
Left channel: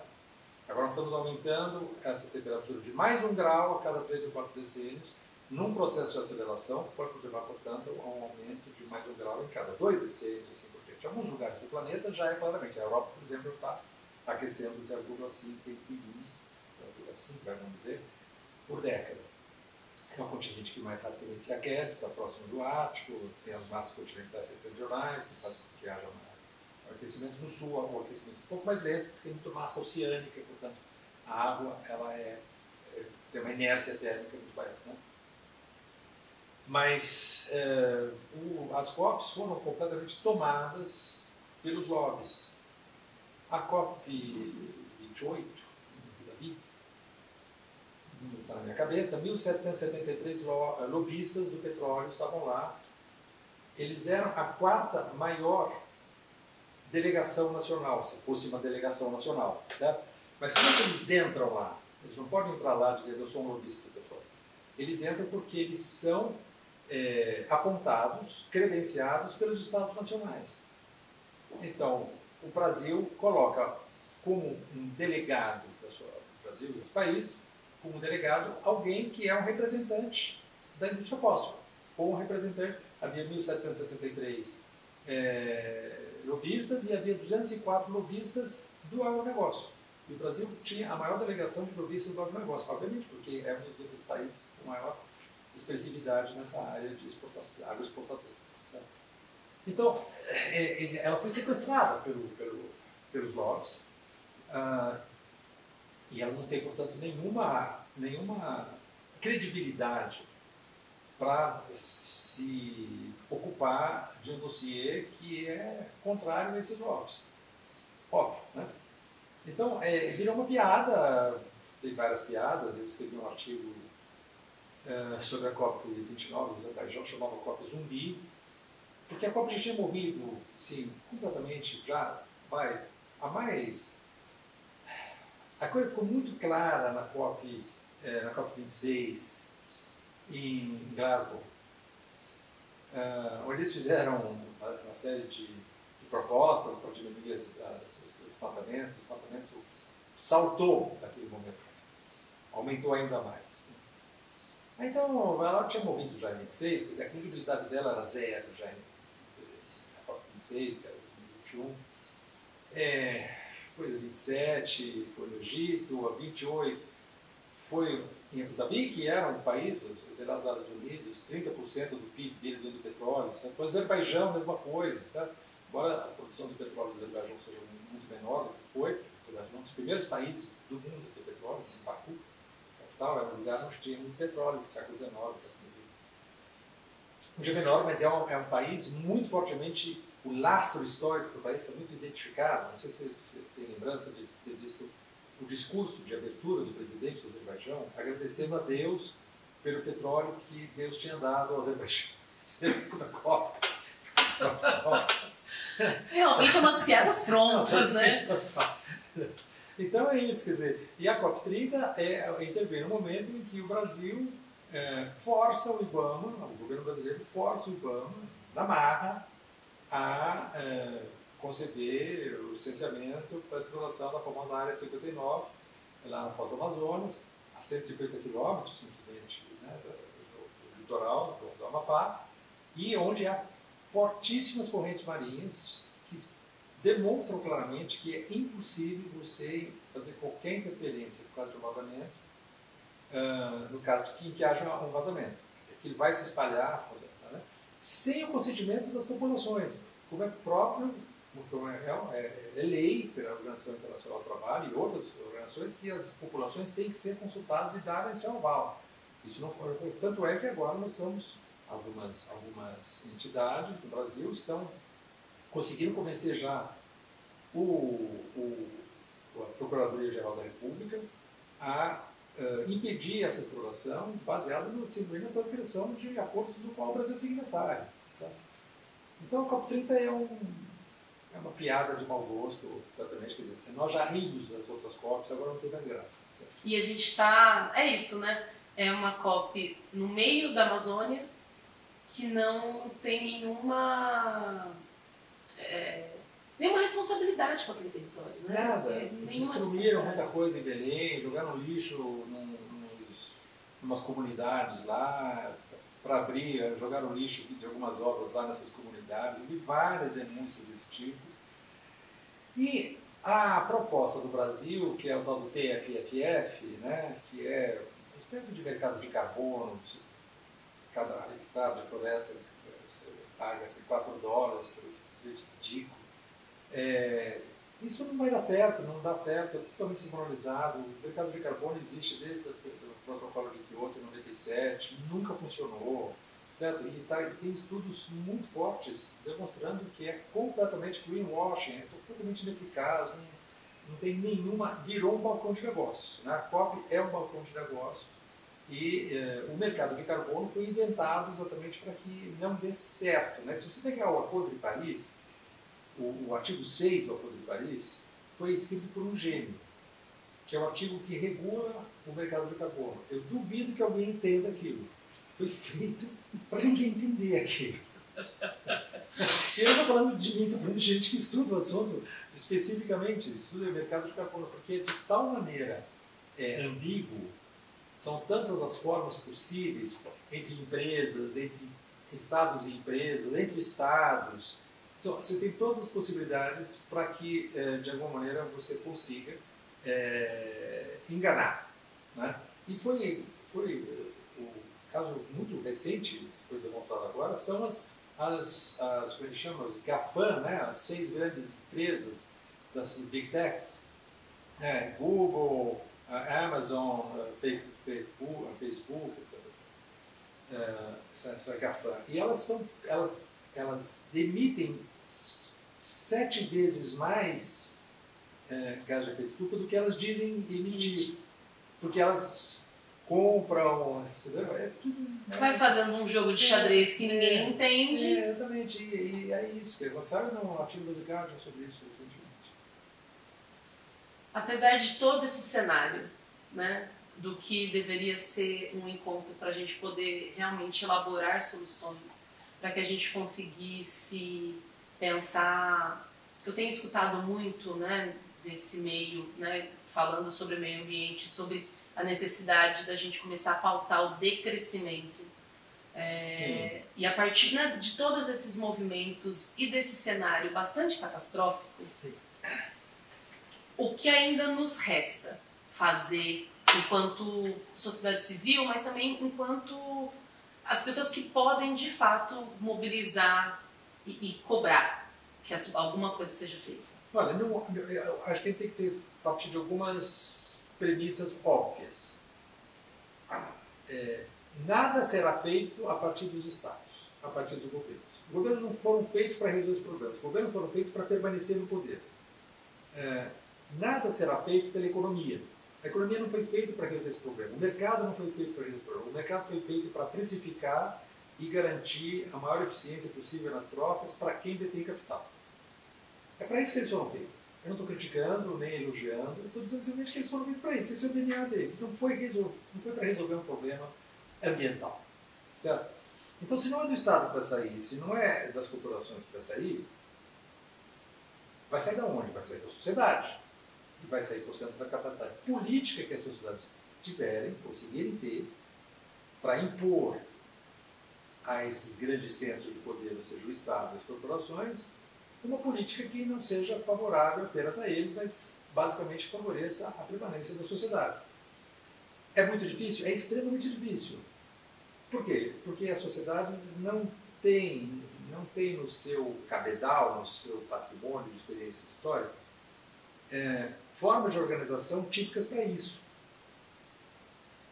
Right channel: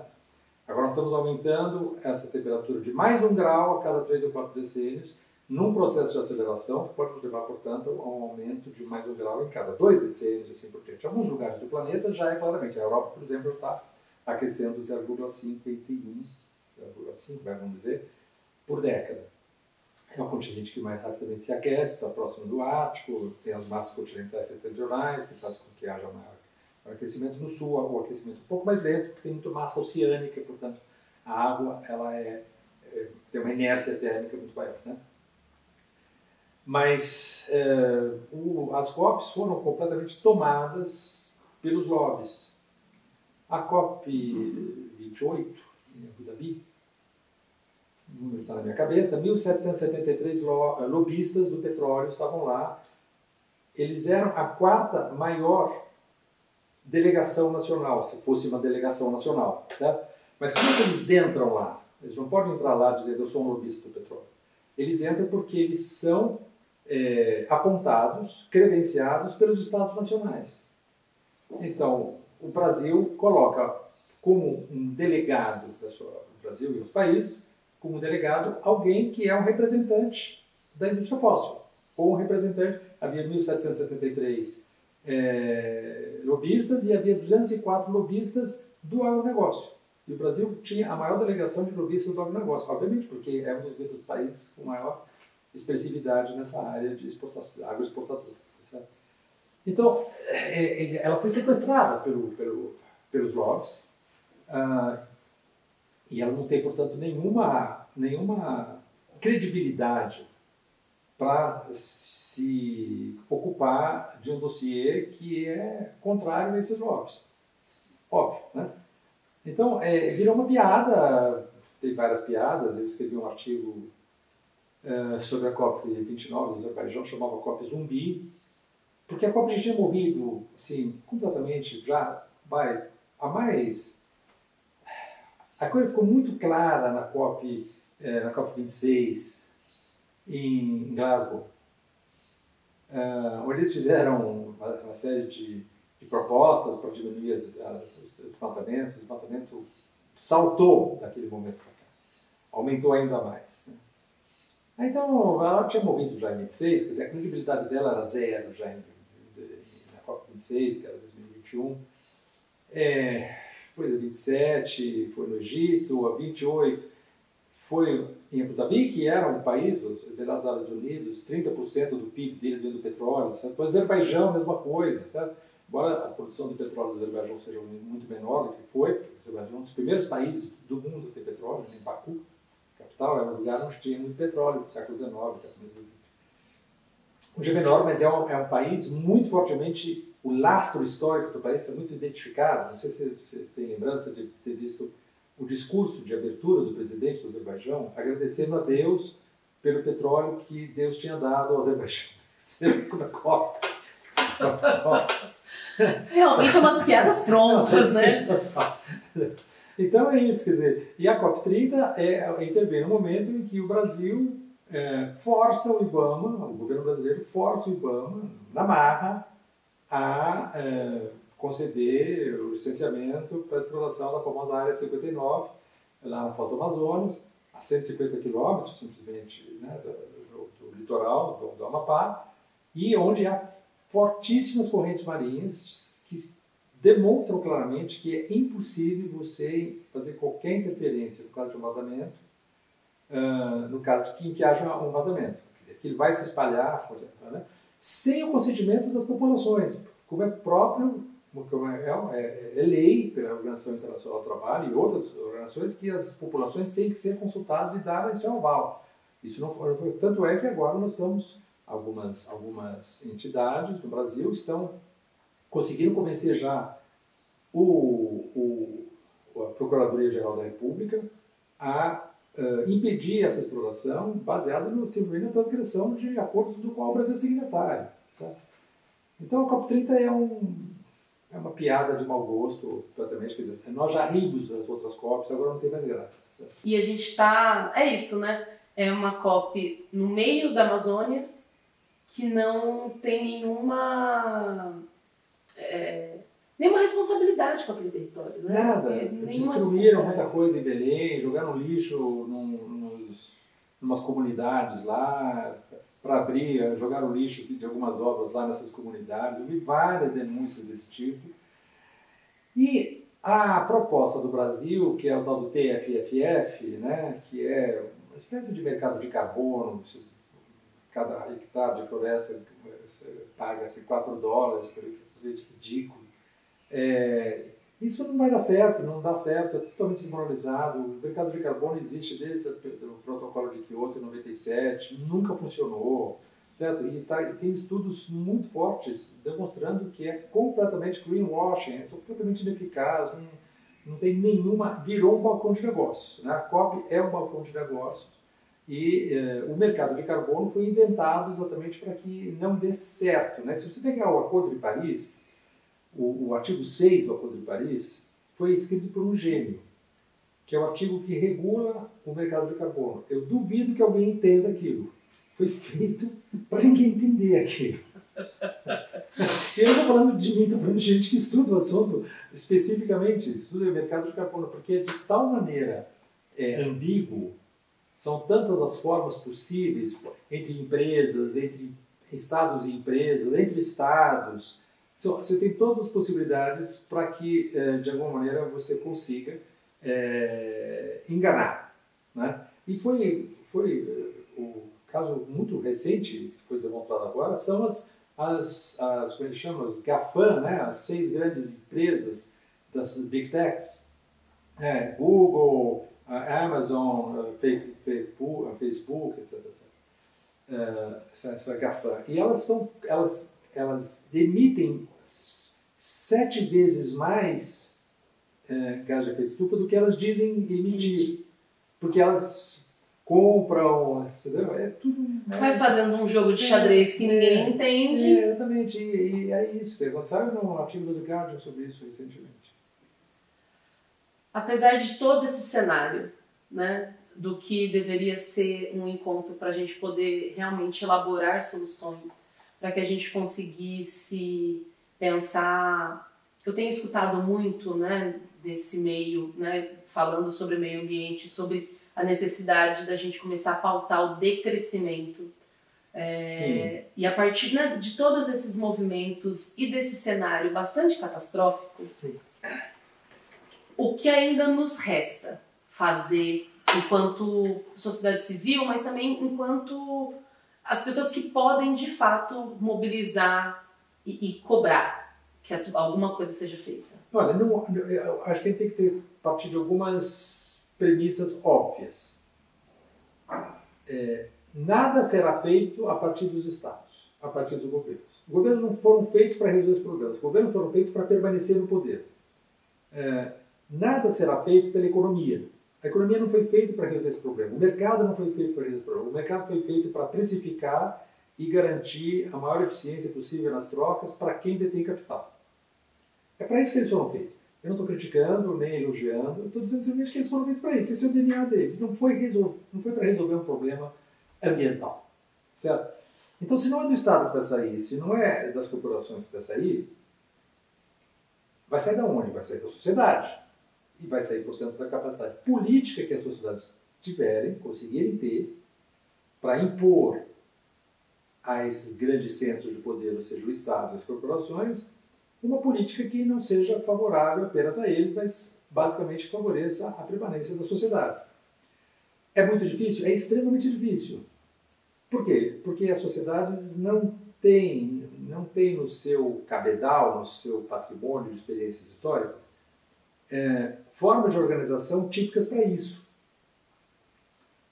Agora nós estamos aumentando essa temperatura de mais 1 grau a cada 3 ou 4 decênios, num processo de aceleração que pode levar, portanto, a um aumento de mais 1 grau em cada 2 decênios, assim por diante. Em alguns lugares do planeta já é claramente. A Europa, por exemplo, está aquecendo 0,5, vamos dizer, por década. É um continente que mais rapidamente se aquece, está próximo do Ártico, tem as massas continentais setentrionais, que fazem com que haja O aquecimento no sul, o aquecimento um pouco mais lento, porque tem muita massa oceânica, portanto, a água ela tem uma inércia térmica muito maior, né? Mas as COPs foram completamente tomadas pelos lobbies. A COP 28, em Abu Dhabi, não está na minha cabeça, 1.773 lobistas do petróleo estavam lá. Eles eram a quarta maior delegação nacional, se fosse uma delegação nacional, certo? Mas como é que eles entram lá? Eles não podem entrar lá dizendo eu sou um lobista do petróleo. Eles entram porque eles são apontados, credenciados pelos Estados nacionais. Então, o Brasil coloca como um delegado do Brasil e os países, como um delegado, alguém que é um representante da indústria fóssil, ou um representante, havia 1.773 lobistas e havia 204 lobistas do agronegócio. E o Brasil tinha a maior delegação de lobistas do agronegócio, obviamente, porque é um dos países com maior expressividade nessa área de exportação, agroexportador. Certo? Então, ela foi sequestrada pelos lobbies e ela não tem, portanto, nenhuma credibilidade para se ocupar de um dossiê que é contrário a esses lobbies. Óbvio, né? Então, virou uma piada, tem várias piadas, eu escrevi um artigo sobre a COP29 do Azerbaijão, chamava COP Zumbi, porque a COP já tinha morrido, assim, completamente, já vai a mais... A coisa ficou muito clara na COP 26, em Glasgow, onde eles fizeram uma série de propostas para diminuir os desmatamentos. O desmatamento saltou naquele momento, aumentou ainda mais. Né? Então, ela tinha morrido já em 26, quer dizer, a credibilidade dela era zero já na COP26, que era 2021. Depois a 27 foi no Egito, a 28 foi em Abu Dhabi, que era um país, os Emirados Árabes Unidos, 30% do PIB deles vem do petróleo. Certo? O Azerbaijão, a mesma coisa. Certo? Embora a produção do petróleo do Azerbaijão seja muito menor do que foi, porque o Azerbaijão é um dos primeiros países do mundo a ter petróleo, em Baku, capital, era um lugar onde tinha muito petróleo, no século XIX. Hoje é menor, mas é um país muito fortemente, o lastro histórico do país está muito identificado. Não sei se você tem lembrança de ter visto o discurso de abertura do presidente do Azerbaijão, agradecendo a Deus pelo petróleo que Deus tinha dado ao Azerbaijão. Na COP. Realmente é umas piadas prontas, né? Então é isso, quer dizer, e a COP30 intervém no momento em que o Brasil força o IBAMA, o governo brasileiro força o IBAMA, na marra, a conceder o licenciamento para a exploração da famosa Área 59, lá na Foz do Amazonas, a 150 quilômetros, simplesmente, né, do litoral do Amapá, e onde há fortíssimas correntes marinhas que demonstram claramente que é impossível você fazer qualquer interferência no caso de um vazamento, no caso em que haja um vazamento. Que ele vai se espalhar, por exemplo, né, sem o consentimento das populações, como é próprio, como é lei pela Organização Internacional do Trabalho e outras organizações que as populações têm que ser consultadas e dar seu aval. Isso não, tanto é que agora nós estamos, algumas entidades no Brasil estão conseguindo convencer já a Procuradoria-Geral da República a impedir essa exploração baseada simplesmente na transgressão de acordos do qual o Brasil é signatário. Certo? Então a COP30 é uma piada de mau gosto, completamente, quer dizer, nós já rimos das outras COPs, agora não tem mais graça. Certo? E a gente está, é isso, né? É uma COP no meio da Amazônia que não tem nenhuma responsabilidade com aquele território, né? Nada. Destruíram muita coisa em Belém, jogaram lixo numas comunidades lá, para abrir, jogaram lixo de algumas obras lá nessas comunidades. Eu vi várias denúncias desse tipo. E a proposta do Brasil, que é o tal do TFFF, né, que é uma espécie de mercado de carbono, cada hectare de floresta você paga $4 por ridículo. Isso não vai dar certo, não dá certo, é totalmente desmoralizado. O mercado de carbono existe desde o protocolo de Kyoto em 97, nunca funcionou, certo? E tem estudos muito fortes demonstrando que é completamente greenwashing, é completamente ineficaz, não tem nenhuma... Virou um balcão de negócios, né? A COP é um balcão de negócios e o mercado de carbono foi inventado exatamente para que não dê certo, né? Se você pegar o Acordo de Paris, o artigo 6 do Acordo de Paris foi escrito por um gênio, que é o artigo que regula o mercado de carbono. Eu duvido que alguém entenda aquilo. Foi feito para ninguém entender aquilo. E eu não estou falando de mim, estou falando de gente que estuda o assunto especificamente, estuda o mercado de carbono, porque é de tal maneira ambíguo, são tantas as formas possíveis entre empresas, entre estados e empresas, entre estados. Você tem todas as possibilidades para que, de alguma maneira, você consiga enganar. Né? E foi o caso muito recente, que foi demonstrado agora, são como ele chama, as GAFAM, né? As 6 grandes empresas das Big Techs, Google, Amazon, Facebook, etc. Essa GAFAM. E elas emitem 7 vezes mais gás de efeito estufa do que elas dizem emitir. Porque elas compram, entendeu? É tudo... Vai fazendo um jogo de xadrez que ninguém entende. Exatamente. E é isso. Saiu um artigo do The Guardian sobre isso recentemente. Apesar de todo esse cenário, né, do que deveria ser um encontro para a gente poder realmente elaborar soluções, para que a gente conseguisse pensar... Eu tenho escutado muito, né, desse meio, né, falando sobre meio ambiente, sobre a necessidade da gente começar a pautar o decrescimento. E a partir, né, de todos esses movimentos e desse cenário bastante catastrófico, sim, o que ainda nos resta fazer enquanto sociedade civil, mas também enquanto as pessoas que podem de fato mobilizar e cobrar que alguma coisa seja feita? Olha, eu acho que a gente tem que partir de algumas premissas óbvias. Nada será feito a partir dos estados, a partir dos governos. Os governos não foram feitos para resolver os problemas, os governos foram feitos para permanecer no poder. Nada será feito pela economia. A economia não foi feita para resolver esse problema, o mercado não foi feito para resolver esse problema. O mercado foi feito para precificar e garantir a maior eficiência possível nas trocas para quem detém capital. É para isso que eles foram feitos. Eu não estou criticando, nem elogiando, eu estou dizendo simplesmente que eles foram feitos para isso. Esse é o DNA deles. Não foi para resolver um problema ambiental. Certo? Então, se não é do Estado que vai sair, se não é das corporações que vai sair de onde? Vai sair da sociedade. E vai sair, portanto, da capacidade política que as sociedades conseguirem ter, para impor a esses grandes centros de poder, ou seja, o Estado e as corporações, uma política que não seja favorável apenas a eles, mas basicamente favoreça a permanência das sociedades. É muito difícil? É extremamente difícil. Por quê? Porque as sociedades não têm no seu cabedal, no seu patrimônio de experiências históricas, formas de organização típicas para isso.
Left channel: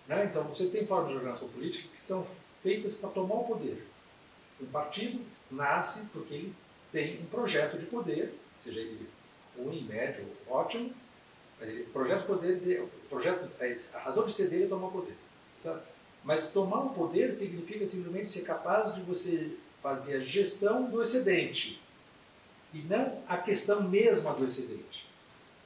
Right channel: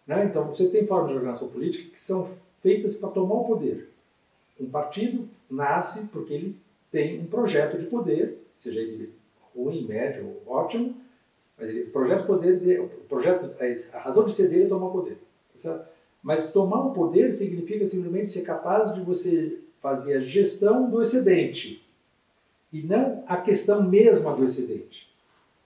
Né? Então, você tem formas de organização política que são feitas para tomar o poder. Um partido nasce porque ele tem um projeto de poder, seja ele ruim, médio ou ótimo, mas o projeto de poder, a razão de ser dele é tomar o poder. Certo? Mas tomar o poder significa simplesmente ser capaz de você fazer a gestão do excedente e não a questão mesma do excedente.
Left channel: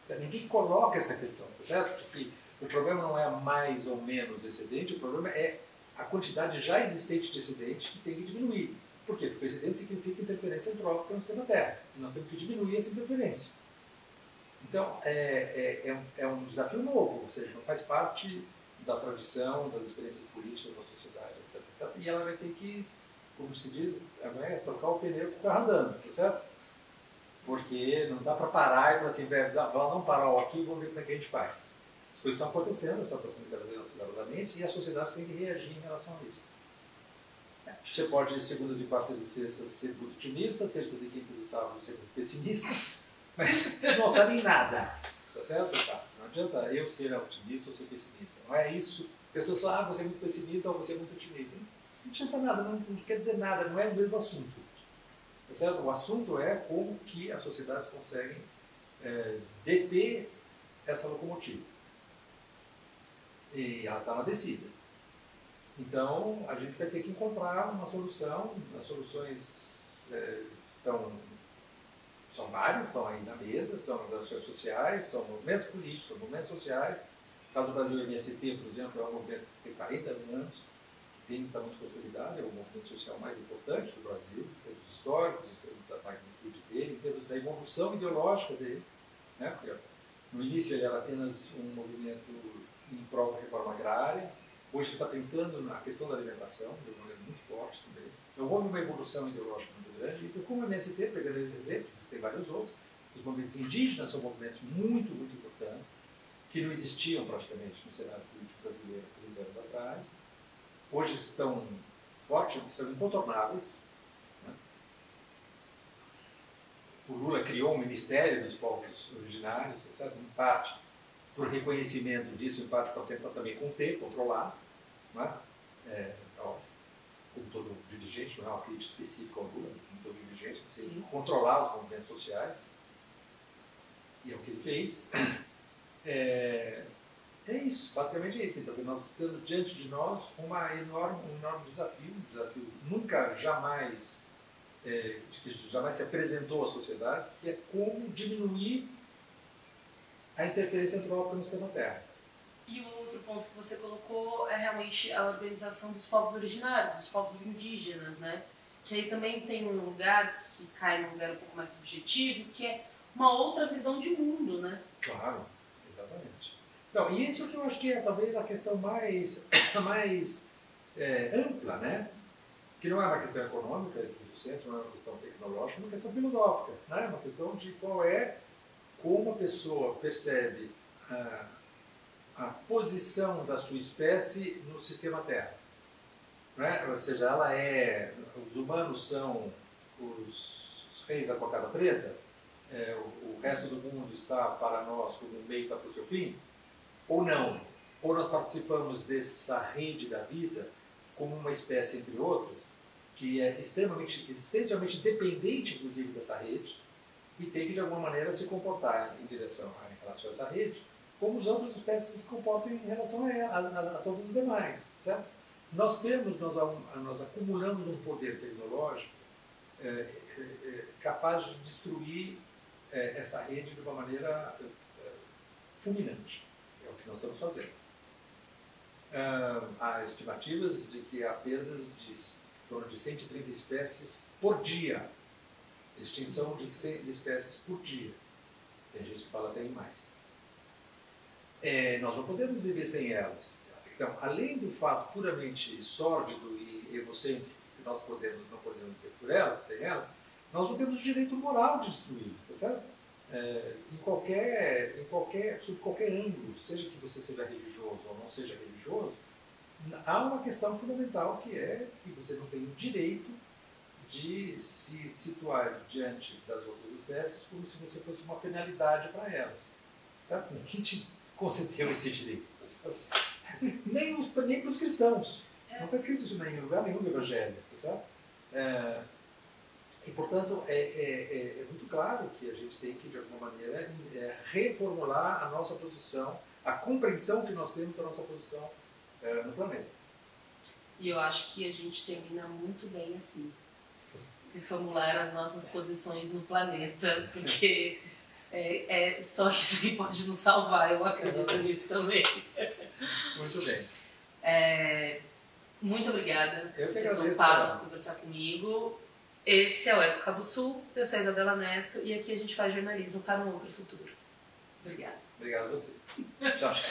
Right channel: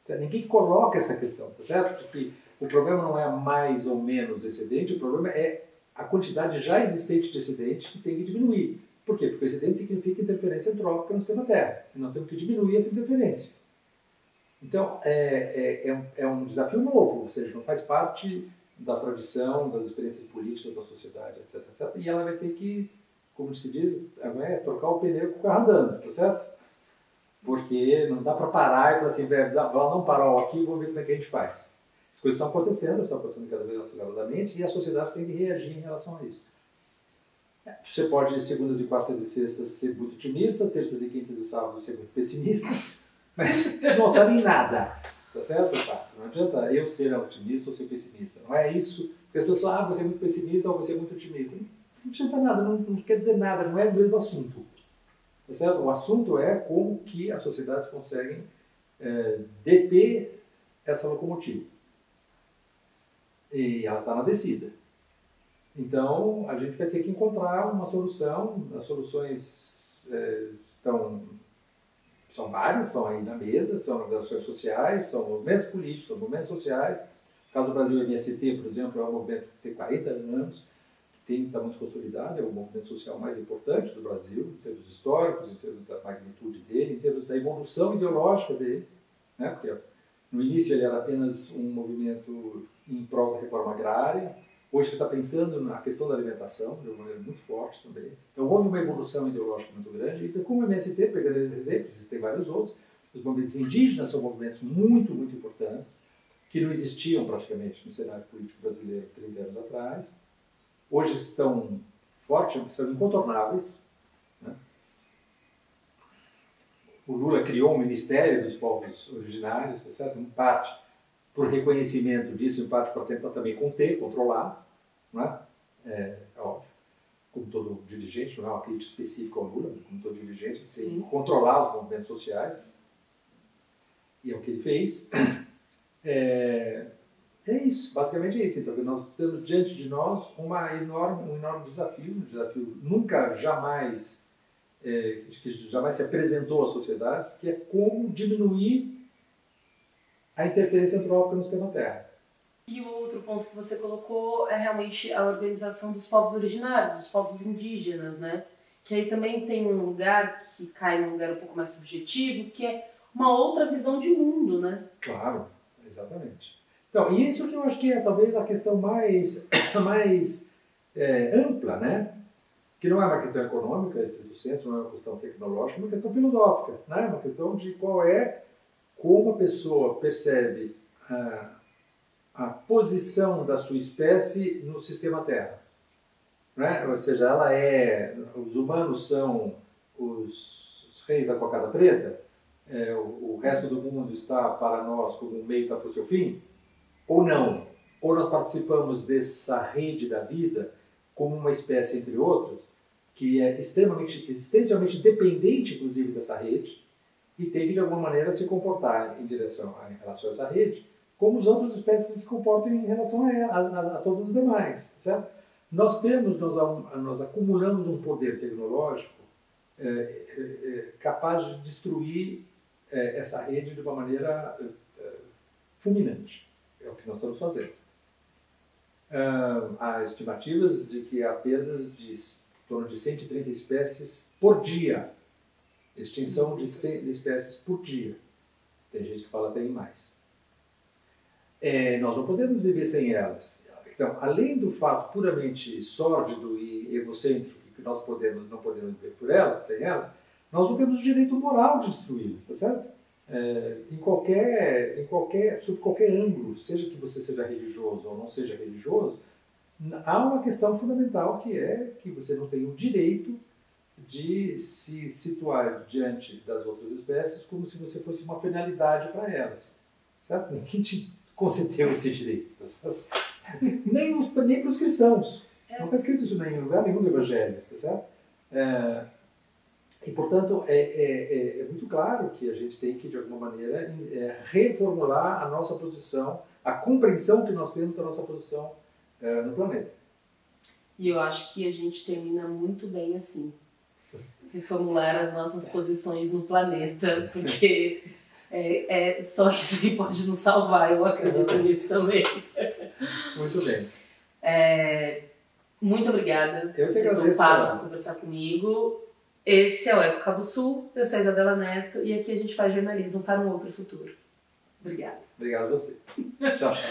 Certo? Ninguém coloca essa questão, tá certo? Porque o problema não é mais ou menos excedente, o problema é a quantidade já existente de excedente que tem que diminuir. Por quê? Porque o excedente significa interferência antrópica no sistema Terra. E nós temos que diminuir essa interferência. Então, é um desafio novo, ou seja, não faz parte da tradição, das experiências políticas da sociedade, etc, etc. E ela vai ter que, como se diz, trocar o pneu com o carro andando, tá certo? Porque não dá para parar e falar assim, vamos dar um farol aqui e vamos ver como é que a gente faz. As coisas estão acontecendo cada vez aceleradamente e a sociedade tem que reagir em relação a isso. Você pode, segundas e quartas e sextas, ser muito otimista, terças e quintas e sábados ser muito pessimista, Mas isso não altera em nada. Tá certo? Tá. Não adianta eu ser otimista ou ser pessimista. Não é isso. Porque as pessoas falam, você é muito pessimista ou você é muito otimista. Não adianta nada, não quer dizer nada, não é o mesmo assunto. Tá certo? O assunto é como que as sociedades conseguem deter essa locomotiva. E ela está na descida. Então, a gente vai ter que encontrar uma solução. As soluções são várias, estão aí na mesa, são as ações sociais, são movimentos políticos, são movimentos sociais. No caso do Brasil, o MST, por exemplo, é um movimento que tem 40 anos, que está muito consolidado, é o movimento social mais importante do Brasil, em termos históricos, em termos da magnitude dele, em termos da evolução ideológica dele, né? Porque no início ele era apenas um movimento em prol da reforma agrária. Hoje ele está pensando na questão da alimentação, de uma maneira muito forte também. Então houve uma evolução ideológica muito grande. Então, como o MST, pegando esses exemplos, existem vários outros, os movimentos indígenas são movimentos muito, muito importantes, que não existiam praticamente no cenário político brasileiro 30 anos atrás. Hoje estão fortes, são incontornáveis. Né? O Lula criou um Ministério dos Povos Originários, tá certo? Em parte por reconhecimento disso, em parte para tentar também conter, controlar, não é? Óbvio, como todo dirigente, não é uma crítica específica ao Lula, mas como todo dirigente, tem que controlar os movimentos sociais, e é o que ele fez. É isso, basicamente é isso. Então, nós temos diante de nós um enorme desafio, um desafio nunca, jamais, que jamais se apresentou às sociedades, que é como diminuir a interferência antrópica no sistema Terra. E o outro ponto que você colocou é realmente a organização dos povos originários, dos povos indígenas, né? Que aí também tem um lugar que cai num lugar um pouco mais subjetivo, que é uma outra visão de mundo, né? Claro, exatamente. Então, e isso que eu acho que é talvez a questão mais ampla, né? Que não é uma questão econômica, estrito senso, não é uma questão tecnológica, é uma questão filosófica, né? Uma questão de como a pessoa percebe a posição da sua espécie no sistema Terra. Né? Ou seja, os humanos são os reis da cocada preta, o resto do mundo está para nós como um meio está para o seu fim, ou não? Ou nós participamos dessa rede da vida como uma espécie entre outras, que é existencialmente dependente, inclusive, dessa rede, e tem que, de alguma maneira, se comportar em relação a essa rede, como as outras espécies se comportam em relação a todos os demais, certo? Nós acumulamos um poder tecnológico capaz de destruir essa rede de uma maneira fulminante. É o que nós estamos fazendo. Há estimativas de que há perdas de em torno de 130 espécies por dia. Extinção de espécies por dia. Tem gente que fala até em mais. Nós não podemos viver sem elas. Então, além do fato puramente sórdido e egocêntrico que nós não podemos viver sem elas, nós não temos o direito moral de destruí-las, tá certo? Sob qualquer ângulo, seja que você seja religioso ou não seja religioso, há uma questão fundamental que é que você não tem o direito de se situar diante das outras espécies como se você fosse uma penalidade para elas. Certo? Ninguém te concedeu esse direito. Tá certo? Nem para os cristãos. Não está escrito isso em lugar nenhum do Evangelho. Tá certo? E, portanto, é muito claro que a gente tem que, de alguma maneira, reformular a nossa posição, a compreensão que nós temos da nossa posição no planeta. E eu acho que a gente termina muito bem assim. Reformular as nossas posições no planeta, porque é só isso que pode nos salvar, eu acredito nisso também. Muito bem. Muito obrigada por ter topado conversar comigo. Esse é o Eco Cabo Sul, eu sou a Isabela Neto e aqui a gente faz jornalismo para um outro futuro. Obrigada. Obrigado a você. Tchau, tchau.